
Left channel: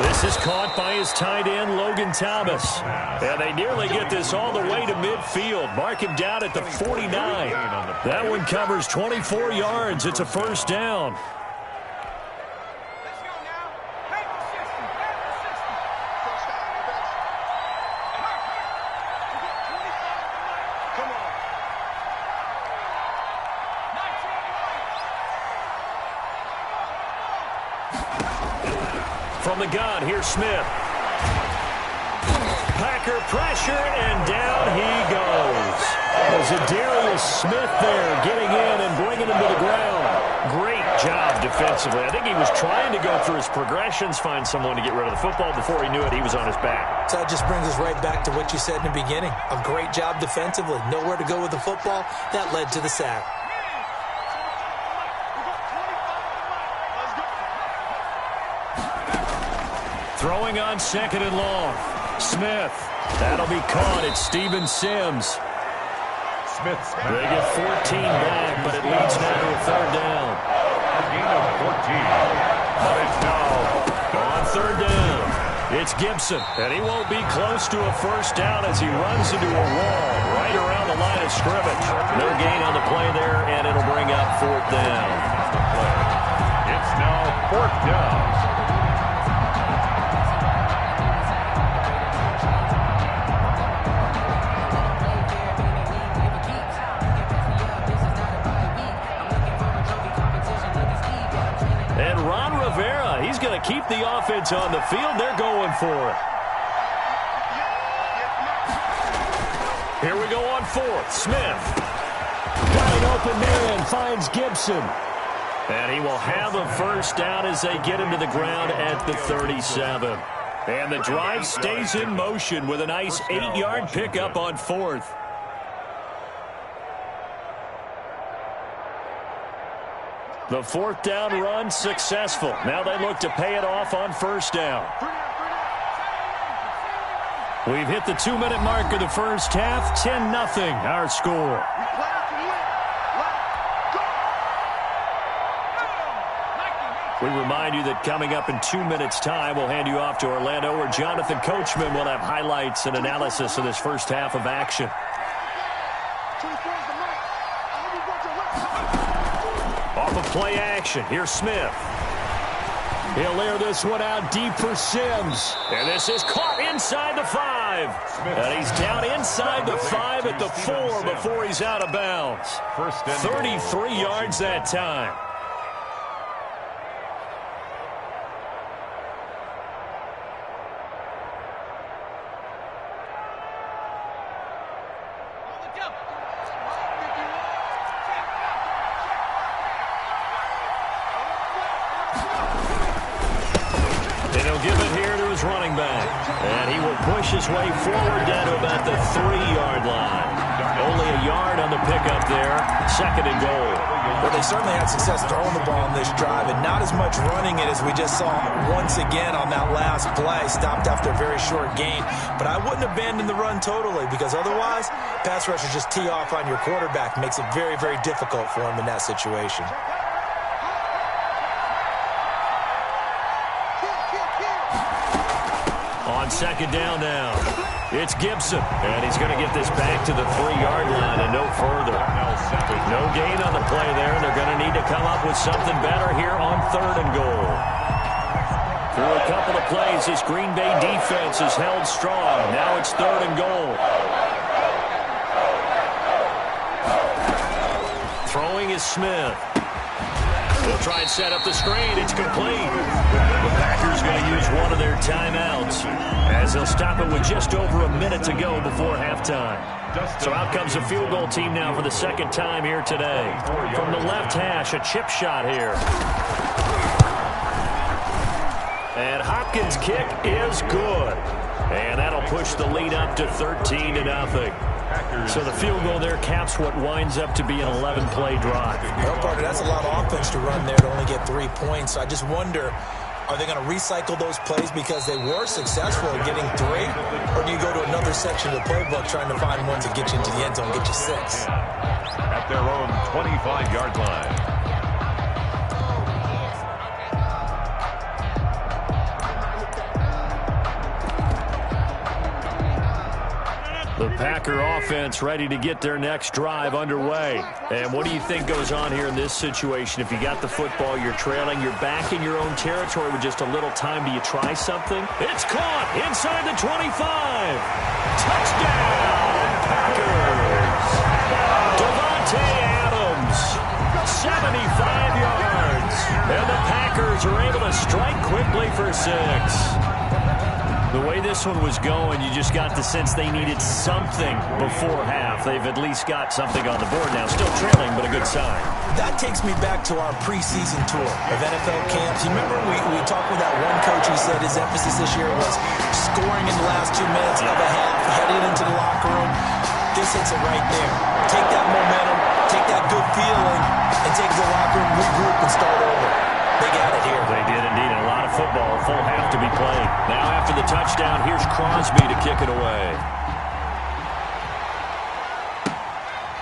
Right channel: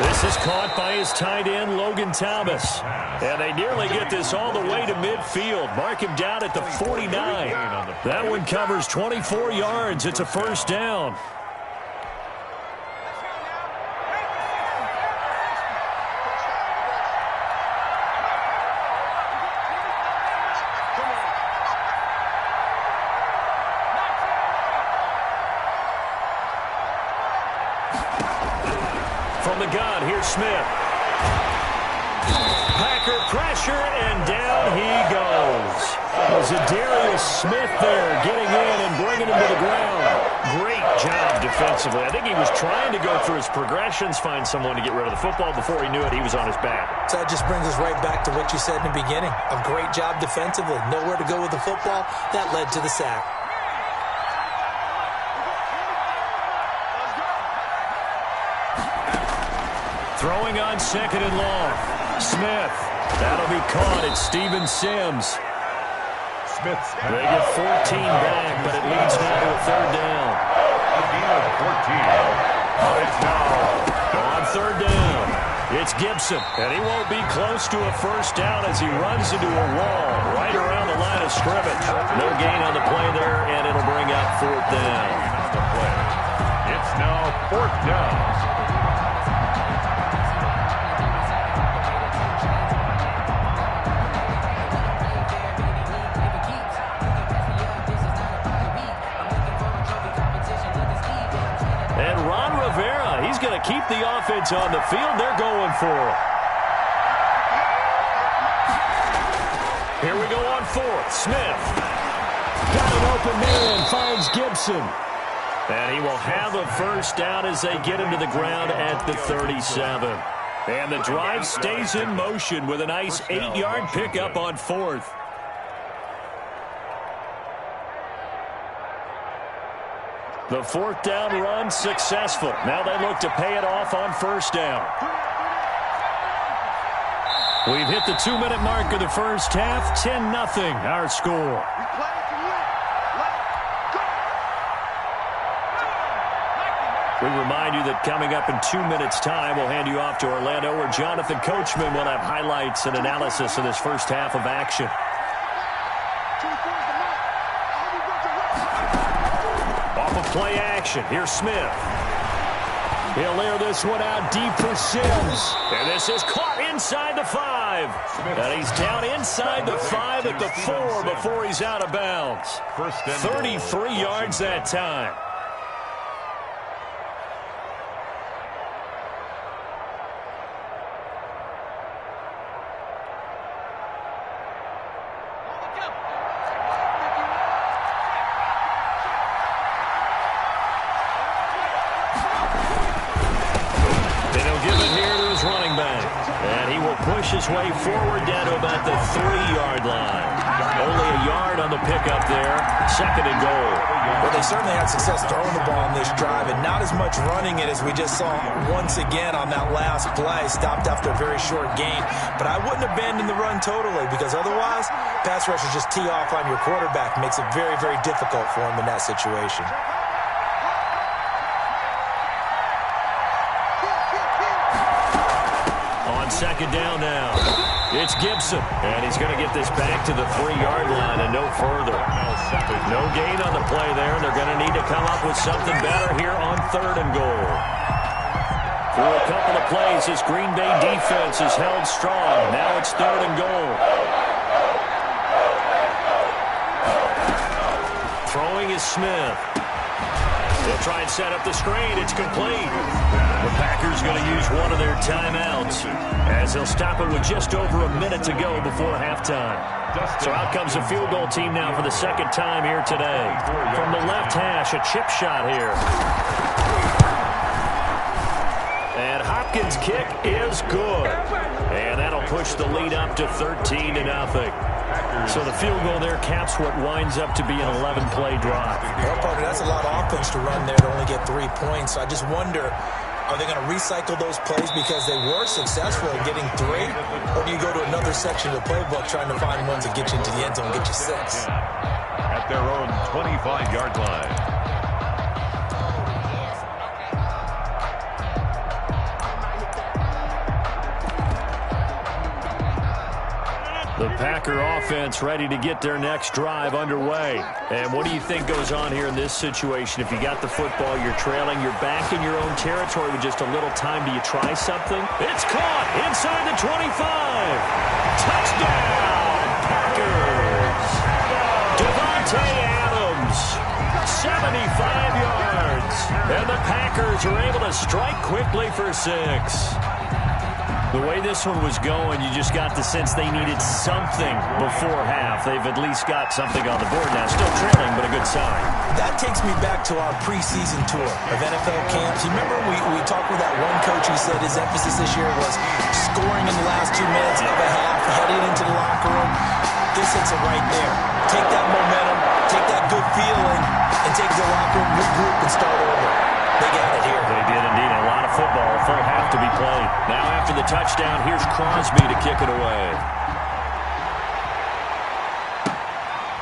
This is caught by his tight end, Logan Thomas. And they nearly get this all the way to midfield. Mark him down at the 49. That one covers 24 yards. It's a first down. From the gun, here's Smith. Packer pressure, and down he goes. There's a Darius Smith there getting in and bringing him to the ground. Great job defensively. I think he was trying to go through his progressions, find someone to get rid of the football. Before he knew it, he was on his back. So that just brings us right back to what you said in the beginning. A great job defensively. Nowhere to go with the football. That led to the sack. Throwing on 2nd and long. Smith. That'll be caught. It's Steven Sims. Smith's They get 14 back, but it leads now to a 3rd down. A gain of 14. But it's now on 3rd down. It's Gibson, and he won't be close to a first down as he runs into a wall right around the line of scrimmage. No gain on the play there, and it'll bring up 4th down. on the play. It's now 4th down. And Ron Rivera, he's going to keep the offense on the field. They're going for it. Here we go on 4th. Smith. Got an open man, finds Gibson. And he will have a first down as they get him to the ground at the 37. And the drive stays in motion with a nice 8-yard pickup on 4th. The 4th down run successful. Now they look to pay it off on first down. We've hit the 2-minute mark of the first half. 10-0 our score. We remind you that coming up in 2 minutes' time, we'll hand you off to Orlando, where Jonathan Coachman will have highlights and analysis of this first half of action. Off of play action, here's Smith. He'll air this one out deep for Sims. And this is caught inside the 5. And he's down inside the 5 at the 4 before he's out of bounds. 33 yards that time. And he'll give it here to his running back. And he will push his way forward down to about the 3-yard line. Only a yard on the pickup there. 2nd and goal. Well, they certainly had success throwing the ball on this drive and not as much running it as we just saw once again on that last play. Stopped after a very short gain. But I wouldn't abandon the run totally because otherwise, pass rushers just tee off on your quarterback. Makes it very, very difficult for him in that situation. On 2nd down now, it's Gibson, and he's going to get this back to the 3-yard line and no further. No gain on the play there, and they're going to need to come up with something better here on 3rd and goal. Through a couple of plays, this Green Bay defense is held strong. Now it's 3rd and goal. Throwing is Smith. They'll try and set up the screen. It's complete. The Packers going to use one of their timeouts as they'll stop it with just over a minute to go before halftime. So out comes the field goal team now for the 2nd time here today. From the left hash, a chip shot here. And Hopkins' kick is good. And that'll push the lead up to 13-0. So the field goal there caps what winds up to be an 11-play drive. Well, partner, that's a lot of offense to run there to only get 3 points. So I just wonder, are they going to recycle those plays because they were successful in getting 3? Or do you go to another section of the playbook trying to find ones that get you into the end zone, get you 6? At their own 25-yard line. The Packer offense ready to get their next drive underway. And what do you think goes on here in this situation? If you got the football, you're trailing, you're back in your own territory with just a little time. Do you try something? It's caught inside the 25. Touchdown, Packers. Devontae Adams, 75 yards. And the Packers are able to strike quickly for 6. The way this one was going, you just got the sense they needed something before half. They've at least got something on the board now. Still trailing, but a good sign. That takes me back to our preseason tour of NFL camps. You remember we talked with that one coach who said his emphasis this year was scoring in the last 2 minutes of a half, heading into the locker room. This hits it right there. Take that momentum, take that good feeling, and take the locker room, regroup, and start over. They got it here. They did indeed. A lot of football, a full half to be played. Now after the touchdown, here's Crosby to kick it away.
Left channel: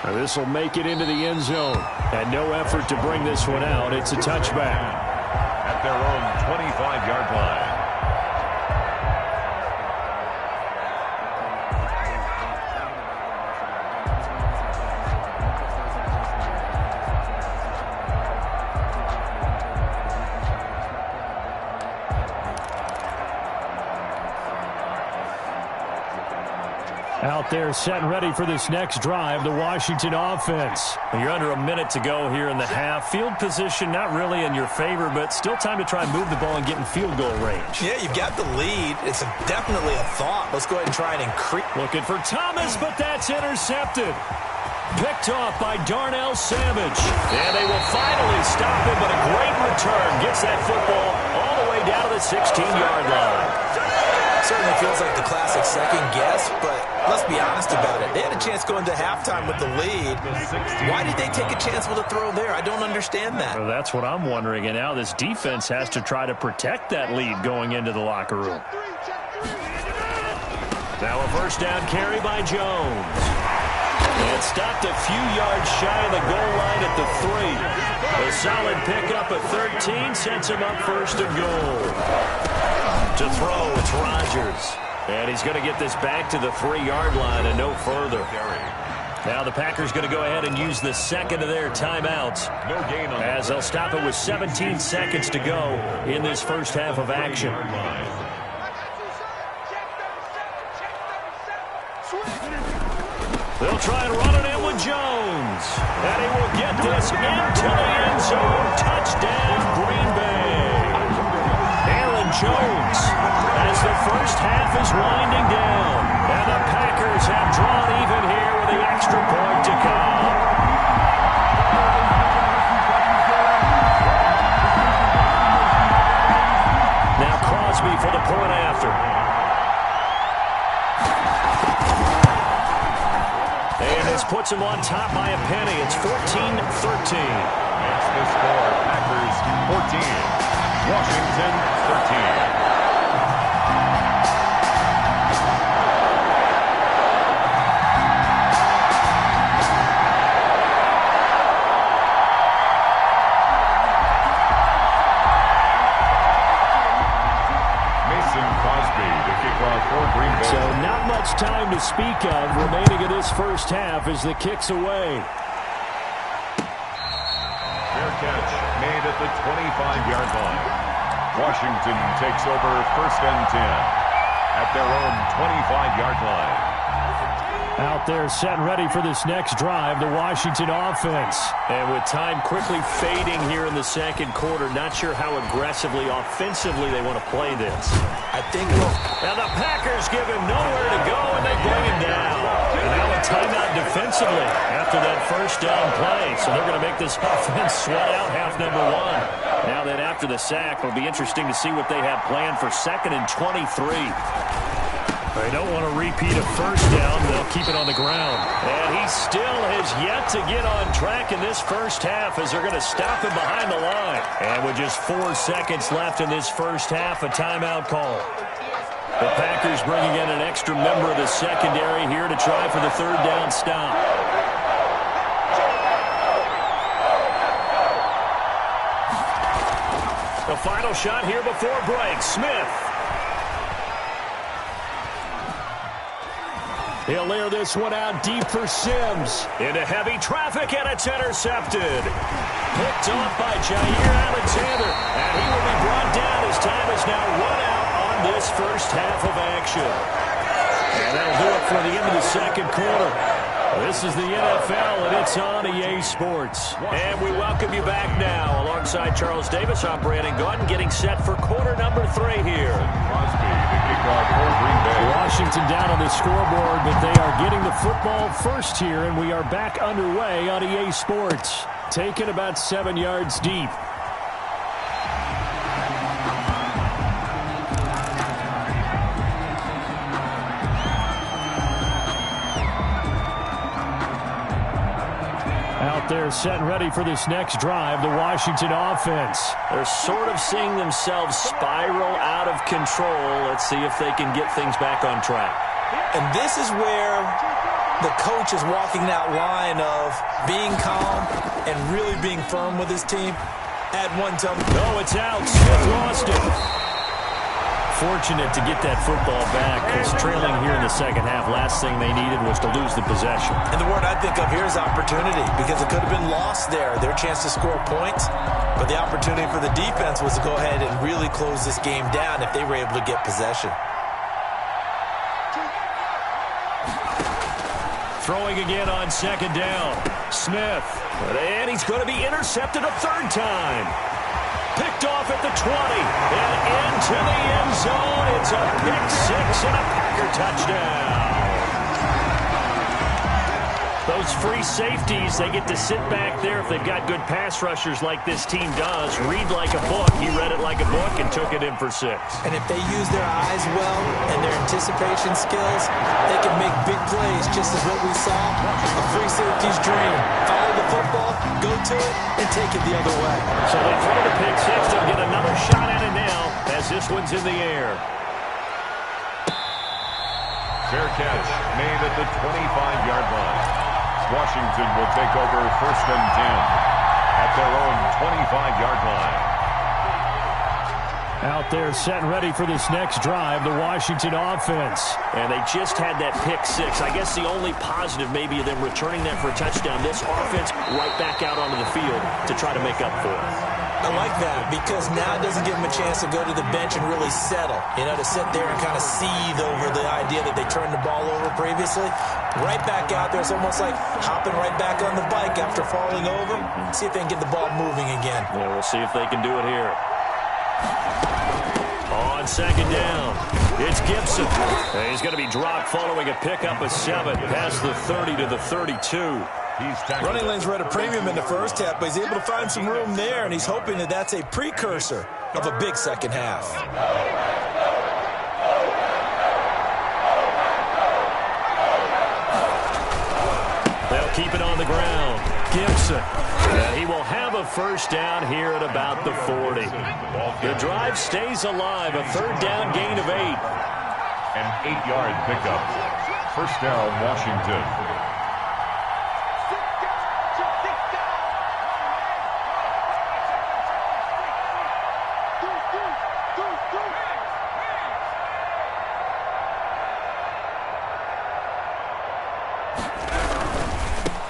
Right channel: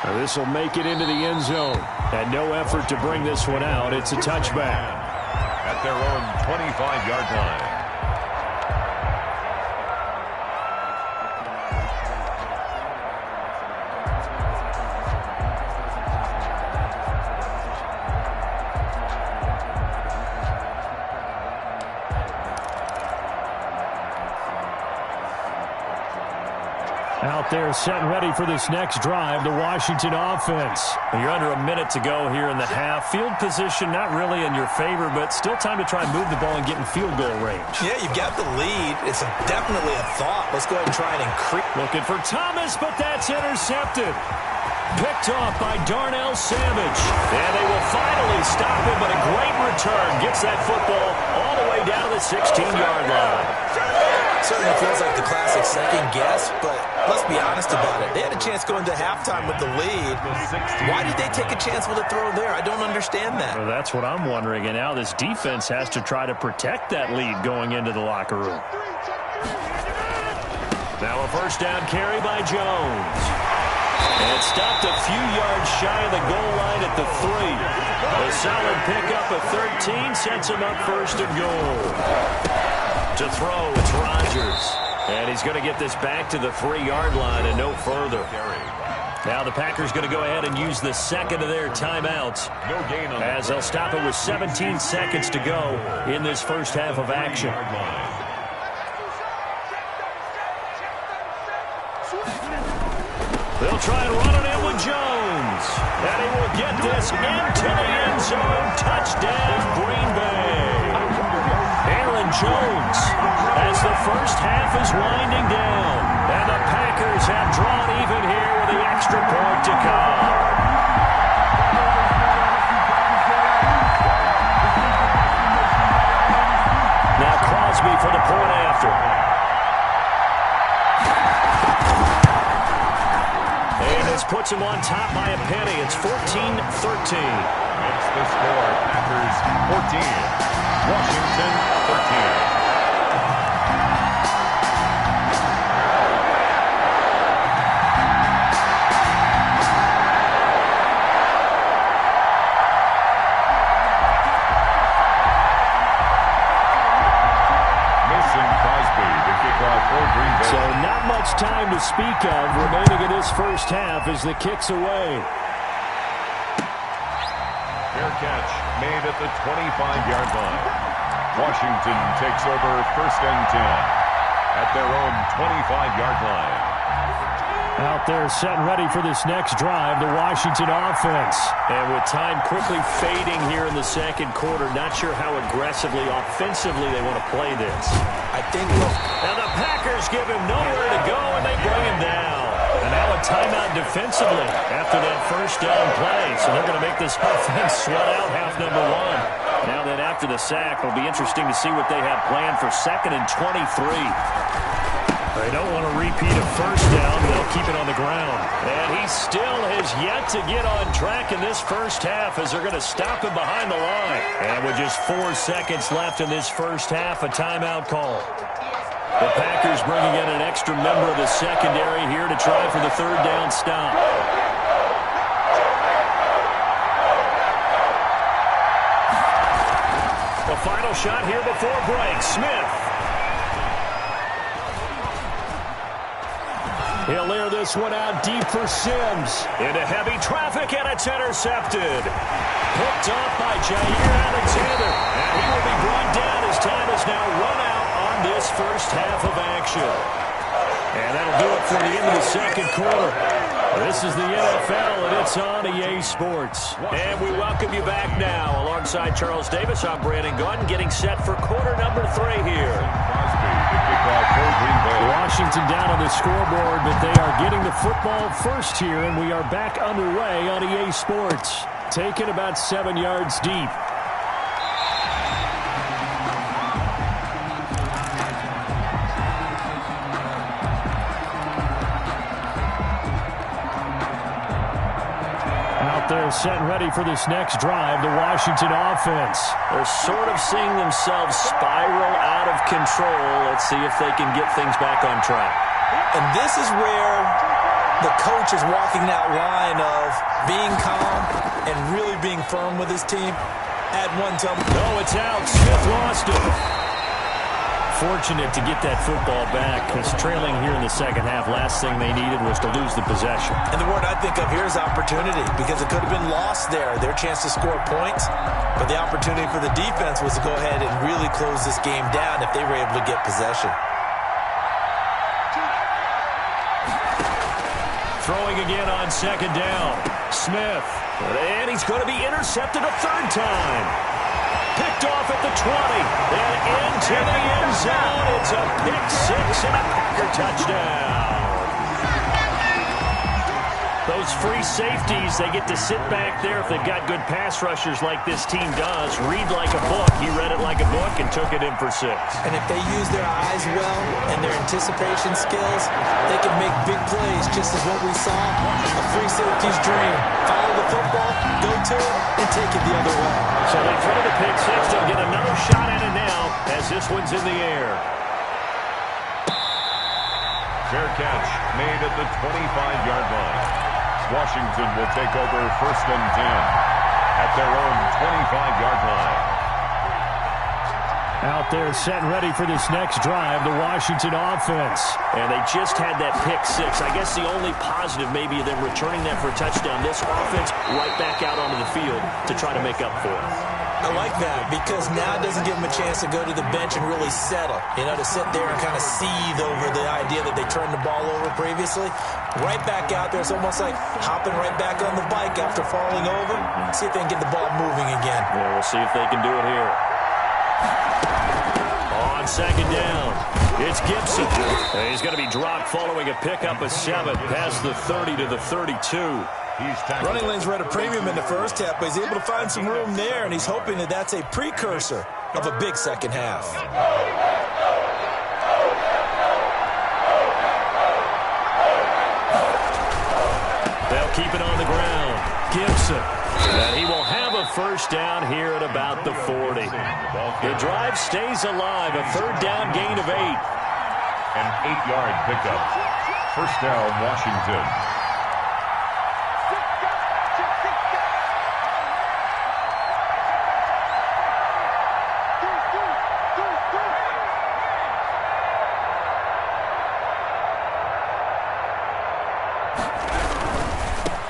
Now this will make it into the end zone. And no effort to bring this one out. It's a touchback. At their own 25-yard line. Out there set and ready for this next drive, the Washington offense. You're under a minute to go here in the half. Field position not really in your favor, but still time to try and move the ball and get in field goal range. Yeah, you've got the lead. It's definitely a thought. Let's go ahead and try and increase. Looking for Thomas, but that's intercepted. Picked off by Darnell Savage. And they will finally stop him, but a great return. Gets that football all the way down to the 16-yard line. Certainly feels like the classic second guess, but let's be honest about it. They had a chance going to halftime with the lead. Why did they take a chance with a throw there? I don't understand that. Well, that's what I'm wondering. And now this defense has to try to protect that lead going into the locker room. Now a first down carry by Jones. And stopped a few yards shy of the goal line at the 3. A solid pickup at 13 sets him up 1st and goal. To throw, it's Rodgers. And he's going to get this back to the 3-yard line and no further. Now the Packers going to go ahead and use the 2nd of their timeouts as they'll stop it with 17 seconds to go in this first half of action. They'll try and run it in with Jones. And he will get this into the end zone. Touchdown, Green Bay. Aaron Jones as the first half is winding down. And the Packers have drawn even here with the extra point. This puts them on top by a penny. It's 14-13. Makes the score Packers 14, Washington 13. So not much time to speak of remaining in this first half as the kick's away. Fair catch made at the 25-yard line. Washington takes over 1st and 10 at their own 25-yard line. Out there set and ready for this next drive, the Washington offense. And with time quickly fading here in the second quarter, not sure how aggressively, offensively they want to play this. I think and the Packers give him nowhere to go, and they bring him down. And now a timeout defensively after that first down play. So they're going to make this offense sweat out half number one. Now then after the sack, it'll be interesting to see what they have planned for 2nd and 23. They don't want to repeat a first down. They'll keep it on the ground. And he still has yet to get on track in this first half as they're going to stop him behind the line. And with just 4 seconds left in this first half, a timeout call. The Packers bringing in an extra member of the secondary here to try for the 3rd down stop. The final shot here before break. Smith. He'll layer this one out deep for Sims. Into heavy traffic, and it's intercepted. Picked off by Jair Alexander. And he will be brought down as time is now run out on this first half of action. And that'll do it for the end of the second quarter. This is the NFL, and it's on EA Sports. And we welcome you back now. Alongside Charles Davis, I'm Brandon Gunn, getting set for quarter number 3 here. Crosby to kick off for Green Bay. Washington down on the scoreboard, but they are getting the football first here, and we are back underway on EA Sports. Taken about 7 yards deep. Out there set and ready for this next drive, the Washington offense. They're sort of seeing themselves spiral out of control. Let's see if they can get things back on track. And this is where the coach is walking that line of being calm and really being firm with his team. Add one to him. No, it's out. Smith lost it. Fortunate to get that football back because trailing here in the second half, last thing they needed was to lose the possession. And the word I think of here is opportunity, because it could have been lost there, their chance to score points. But the opportunity for the defense was to go ahead and really close this game down if they were able to get possession. Throwing again on 2nd down. Smith. And he's going to be intercepted a 3rd time. Picked off at the 20 and into the end zone. It's a pick-6 and a Packer touchdown. Those free safeties, they get to sit back there if they've got good pass rushers like this team does. Read like a book. He read it like a book and took it in for 6. And if they use their eyes well and their anticipation skills, they can make big plays, just as what we saw. A free safety's dream. Follow the football, go to it, and take it the other way. So they throw the pick-6. They'll get another shot at it now as this one's in the air. Fair catch made at the 25-yard line. Washington will take over 1st and 10 at their own 25-yard line. Out there set and ready for this next drive, the Washington offense. And they just had that pick-6. I guess the only positive maybe of them returning that for a touchdown. This offense right back out onto the field to try to make up for it. I like that, because now it doesn't give them a chance to go to the bench and really settle. You know, to sit there and kind of seethe over the idea that they turned the ball over previously. Right back out there. It's almost like hopping right back on the bike after falling over. See if they can get the ball moving again. Yeah, we'll see if they can do it here. On 2nd down, it's Gibson. And he's going to be dropped following a pickup of 7 past the 30 to the 32. Running lanes were at a premium in the first half, but he's able to find some room there, and he's hoping that that's a precursor of a big second half. keep it on the ground. Gibson. And he will have a first down here at about the 40. The drive stays alive. A third down gain of 8. An 8-yard pickup. First down, Washington.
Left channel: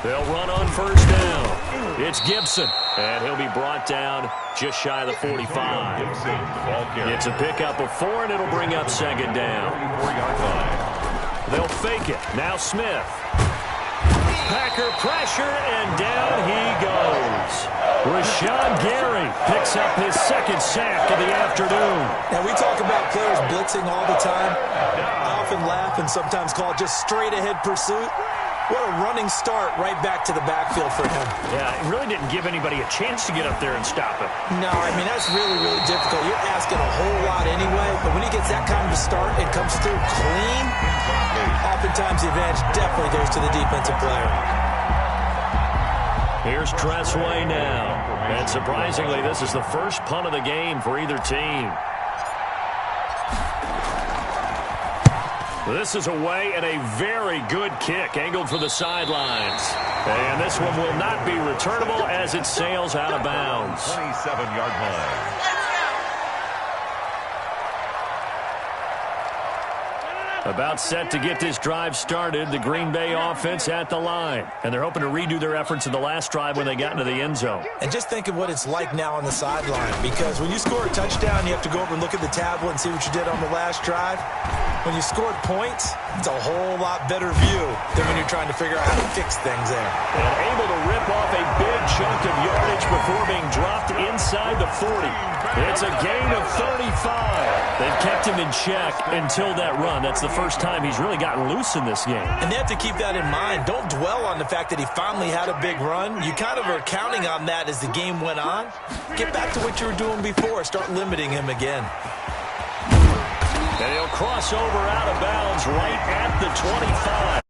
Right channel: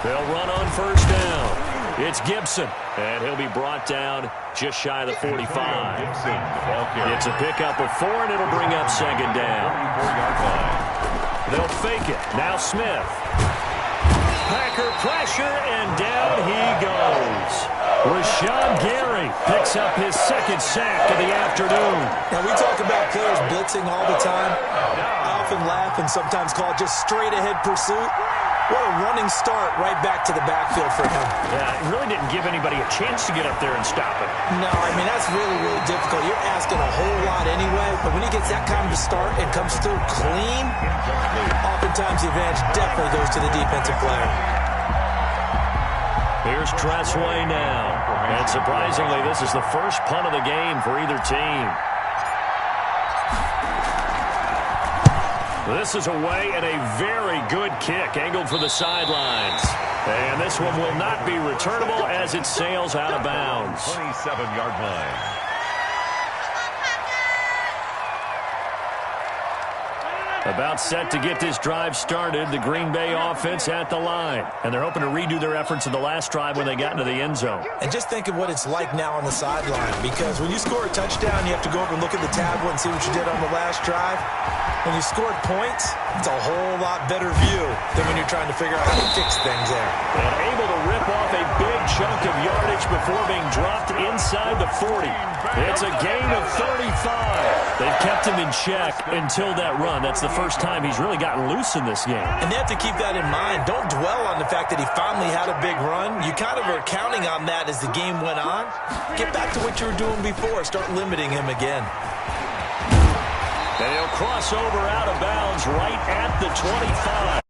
They'll run on first down. It's Gibson, and he'll be brought down just shy of the 45. It's a pickup of 4, and it'll bring up second down. 44-yard line. They'll fake it. Now Smith. Packer pressure, and down he goes. Rashawn Gary picks up his second sack of the afternoon. Now, we talk about players blitzing all the time. I often laugh and sometimes call it just straight-ahead pursuit. What a running start right back to the backfield for him. Yeah, it really didn't give anybody a chance to get up there and stop him. No, I mean, that's really, really difficult. You're asking a whole lot anyway, but when he gets that kind of a start and comes through clean, oftentimes the advantage definitely goes to the defensive player. Here's Tressway now. And surprisingly, this is the first punt of the game for either team. This is away and a very good kick angled for the sidelines. And this one will not be returnable as it sails out of bounds. 27-yard line. About set to get this drive started, the Green Bay offense at the line. And they're hoping to redo their efforts in the last drive when they got into the end zone. And just think of what it's like now on the sideline. Because when you score a touchdown, you have to go over and look at the tablet and see what you did on the last drive. When you scored points, it's a whole lot better view than when you're trying to figure out how to fix things there. And able to rip off a big chunk of yardage before being dropped inside the 40. It's a gain of 35. They've kept him in check until that run. That's the first time he's really gotten loose in this game. And they have to keep that in mind. Don't dwell on the fact that he finally had a big run. You kind of are counting on that as the game went on. Get back to what you were doing before. Start limiting him again. And he'll cross over out of bounds right at the 25.